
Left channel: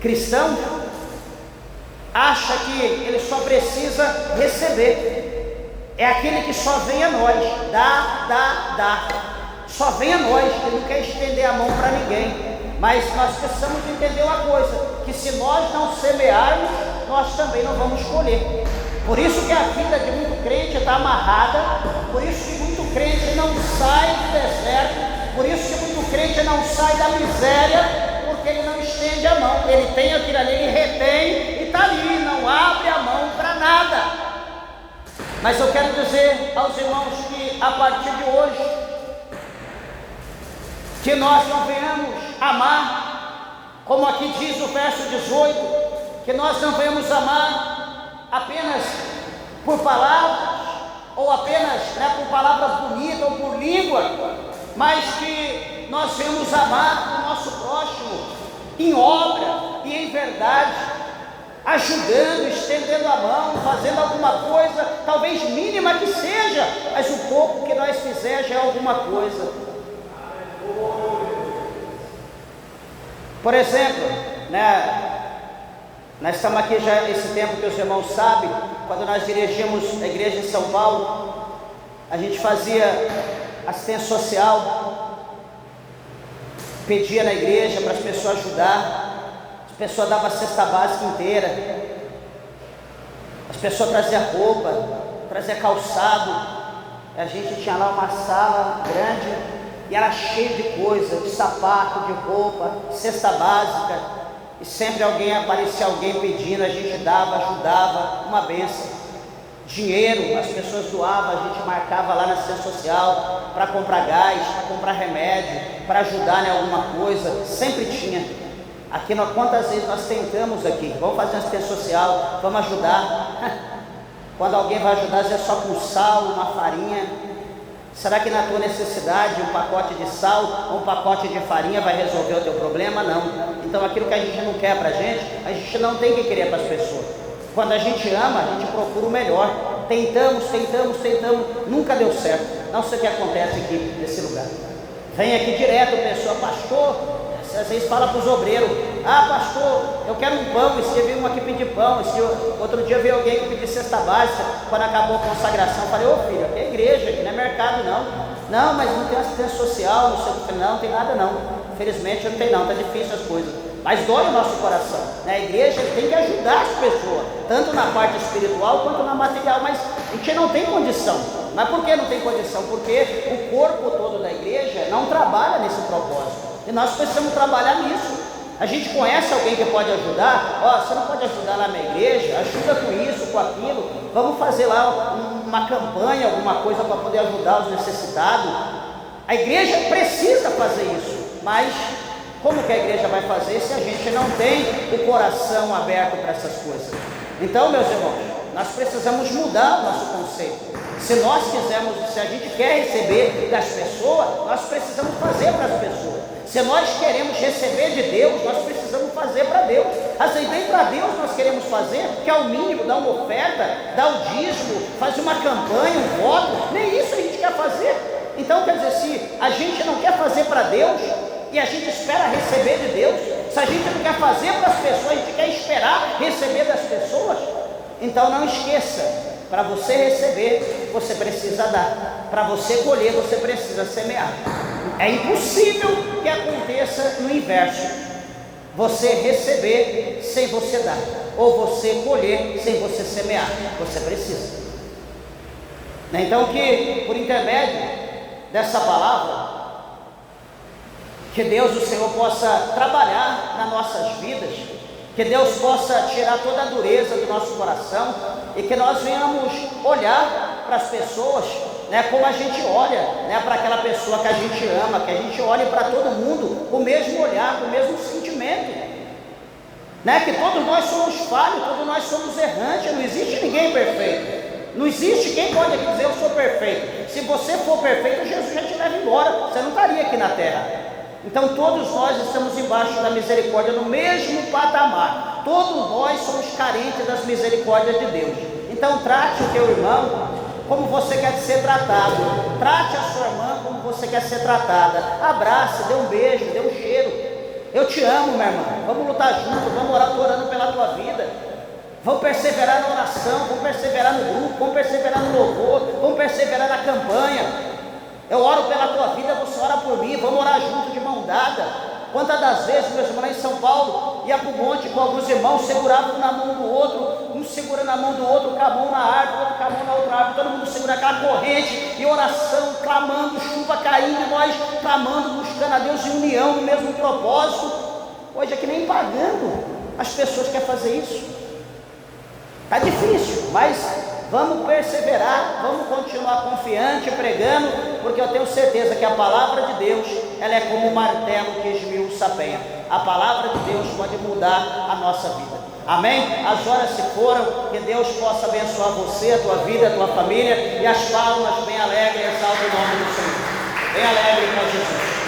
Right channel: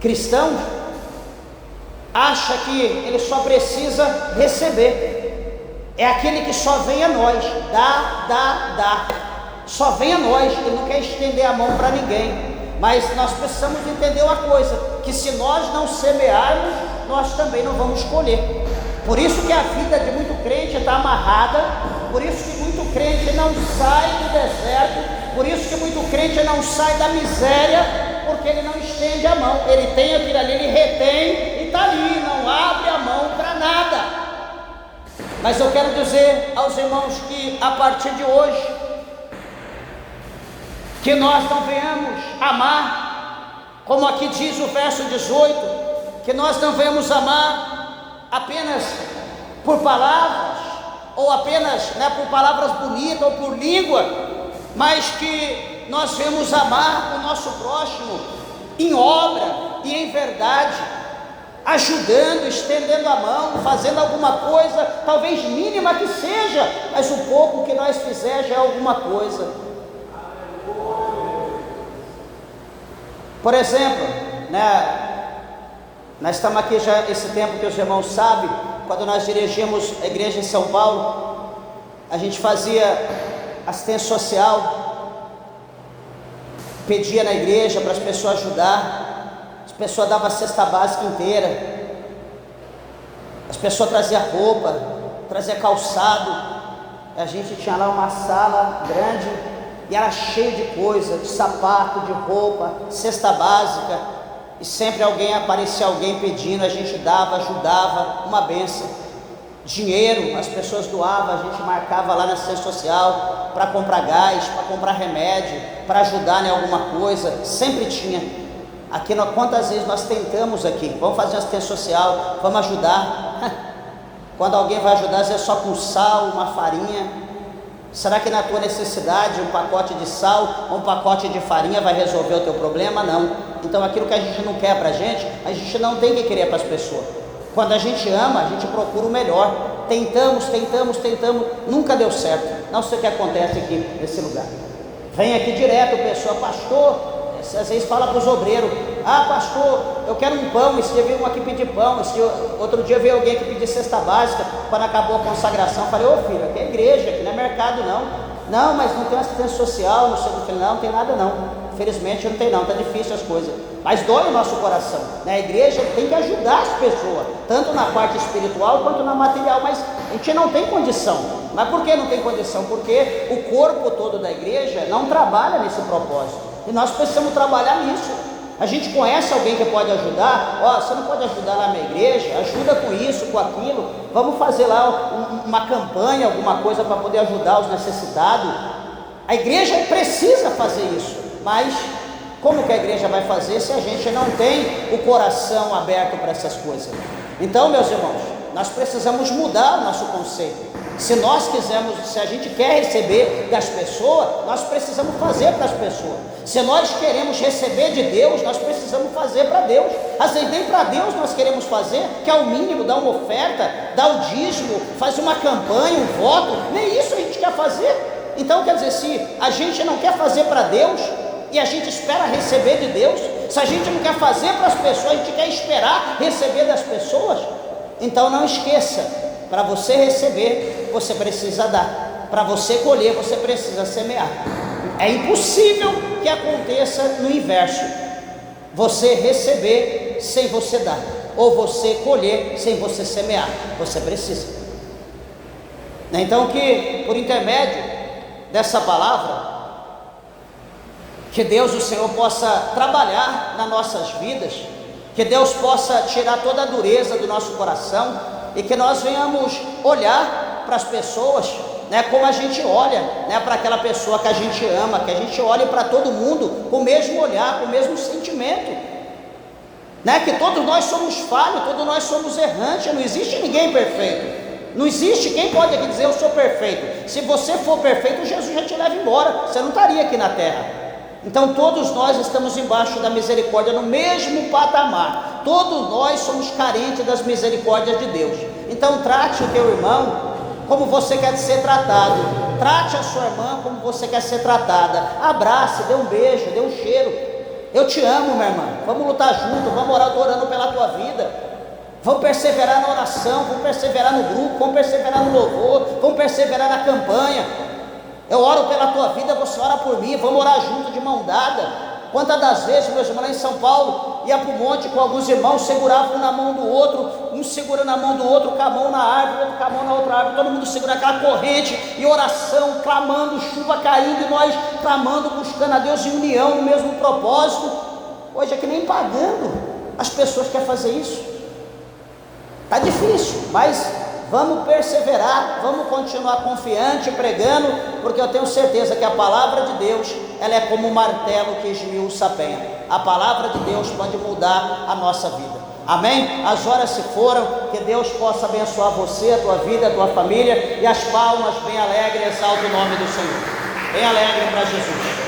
cristãos acham que ele só precisa receber, é aquele que só vem a nós, dá, só vem a nós, ele não quer estender a mão para ninguém. Mas nós precisamos entender uma coisa, que se nós não semearmos, nós também não vamos colher. Por isso que a vida de muito crente está amarrada, por isso que muito crente não sai do deserto, por isso que muito crente não sai da miséria, porque ele não estende a mão, ele tem aquilo ali, ele retém e está ali, não abre a mão para nada. Mas eu quero dizer aos irmãos que a partir de hoje, que nós não venhamos amar, como aqui diz o verso 18, que nós não venhamos amar apenas por palavras, ou apenas por palavras bonitas, ou por língua, mas que nós venhamos amar o nosso próximo em obra e em verdade, ajudando, estendendo a mão, fazendo alguma coisa, talvez mínima que seja, mas o pouco que nós fizermos já é alguma coisa. Por exemplo, nós estamos aqui já esse tempo que os irmãos sabem, quando nós dirigimos a igreja em São Paulo, a gente fazia assistência social, pedia na igreja para as pessoas ajudar, as pessoas davam a cesta básica inteira, as pessoas traziam roupa, traziam calçado, a gente tinha lá uma sala grande e era cheio de coisa, de sapato, de roupa, cesta básica, e sempre aparecia alguém pedindo, a gente dava, ajudava, uma bênção. Dinheiro, as pessoas doavam, a gente marcava lá na assistência social para comprar gás, para comprar remédio, para ajudar em alguma coisa, sempre tinha. Aqui, quantas vezes nós tentamos aqui, vamos fazer uma assistência social, vamos ajudar, quando alguém vai ajudar, às vezes é só com sal, uma farinha. Será que na tua necessidade um pacote de sal ou um pacote de farinha vai resolver o teu problema? Não. Então aquilo que a gente não quer para a gente não tem que querer para as pessoas. Quando a gente ama, a gente procura o melhor. Tentamos, nunca deu certo. Não sei o que acontece aqui nesse lugar. Vem aqui direto, pessoa, pastor, às vezes fala para os obreiros: pastor, eu quero um pão. Esse dia veio um aqui pedir pão, outro dia veio alguém que pediu cesta básica. Quando acabou a consagração, falei: ô filho, aqui é igreja, aqui não é mercado não. Não, mas não tem assistência social, não sei o que. Falei: não tem nada não. Infelizmente não tem não, está difícil as coisas, mas dói o nosso coração, A igreja tem que ajudar as pessoas, tanto na parte espiritual quanto na material, mas a gente não tem condição. Mas por que não tem condição? Porque o corpo todo da igreja não trabalha nesse propósito, e nós precisamos trabalhar nisso. A gente conhece alguém que pode ajudar. Ó, você não pode ajudar lá na igreja? Ajuda com isso, com aquilo. Vamos fazer lá uma campanha, alguma coisa para poder ajudar os necessitados. A igreja precisa fazer isso, mas como que a igreja vai fazer se a gente não tem o coração aberto para essas coisas? Então, meus irmãos, nós precisamos mudar o nosso conceito. Se nós quisermos, se a gente quer receber das pessoas, nós precisamos fazer para as pessoas. Se nós queremos receber de Deus, nós precisamos fazer para Deus. Às vezes nem para Deus nós queremos fazer, que é o mínimo, dar uma oferta, dar o dízimo, fazer uma campanha, um voto, nem isso a gente quer fazer. Então quer dizer, se a gente não quer fazer para Deus, e a gente espera receber de Deus, se a gente não quer fazer para as pessoas, a gente quer esperar receber das pessoas, então não esqueça, para você receber, você precisa dar, para você colher, você precisa semear. É impossível que aconteça no inverso, você receber sem você dar, ou você colher sem você semear, você precisa. Então que por intermédio dessa palavra, que Deus, o Senhor, possa trabalhar nas nossas vidas, que Deus possa tirar toda a dureza do nosso coração, e que nós venhamos olhar para as pessoas, como a gente olha, para aquela pessoa que a gente ama, que a gente olhe para todo mundo com o mesmo olhar, com o mesmo sentimento, que todos nós somos falhos, todos nós somos errantes, não existe ninguém perfeito. Não existe quem pode aqui dizer eu sou perfeito. Se você for perfeito, Jesus já te leva embora, você não estaria aqui na terra. Então todos nós estamos embaixo da misericórdia, no mesmo patamar. Todos nós somos carentes das misericórdias de Deus. Então trate o teu irmão como você quer ser tratado, trate a sua irmã como você quer ser tratada, abrace, dê um beijo, dê um cheiro. Eu te amo, minha irmã, vamos lutar juntos, vamos orar, estou orando pela tua vida. Vamos perseverar na oração, vamos perseverar no grupo, vamos perseverar no louvor, vamos perseverar na campanha. Eu oro pela tua vida, você ora por mim, vamos orar junto de mão dada. Quantas das vezes, meus irmãos, lá em São Paulo, ia para o monte com alguns irmãos, seguravam um na mão do outro, um segurando a mão do outro, com a mão na árvore, outro com a mão na outra árvore, todo mundo segurando aquela corrente, e oração, clamando, chuva caindo, e nós clamando, buscando a Deus em união, no mesmo propósito. Hoje é que nem pagando as pessoas querem fazer isso. Está difícil, mas vamos perseverar, vamos continuar confiante, pregando, porque eu tenho certeza que a palavra de Deus, ela é como um martelo que esmiuça a penha. A palavra de Deus pode mudar a nossa vida. Amém? As horas se foram, que Deus possa abençoar você, a tua vida, a tua família, e as palmas bem alegres, exalta o nome do Senhor. Bem alegre para Jesus.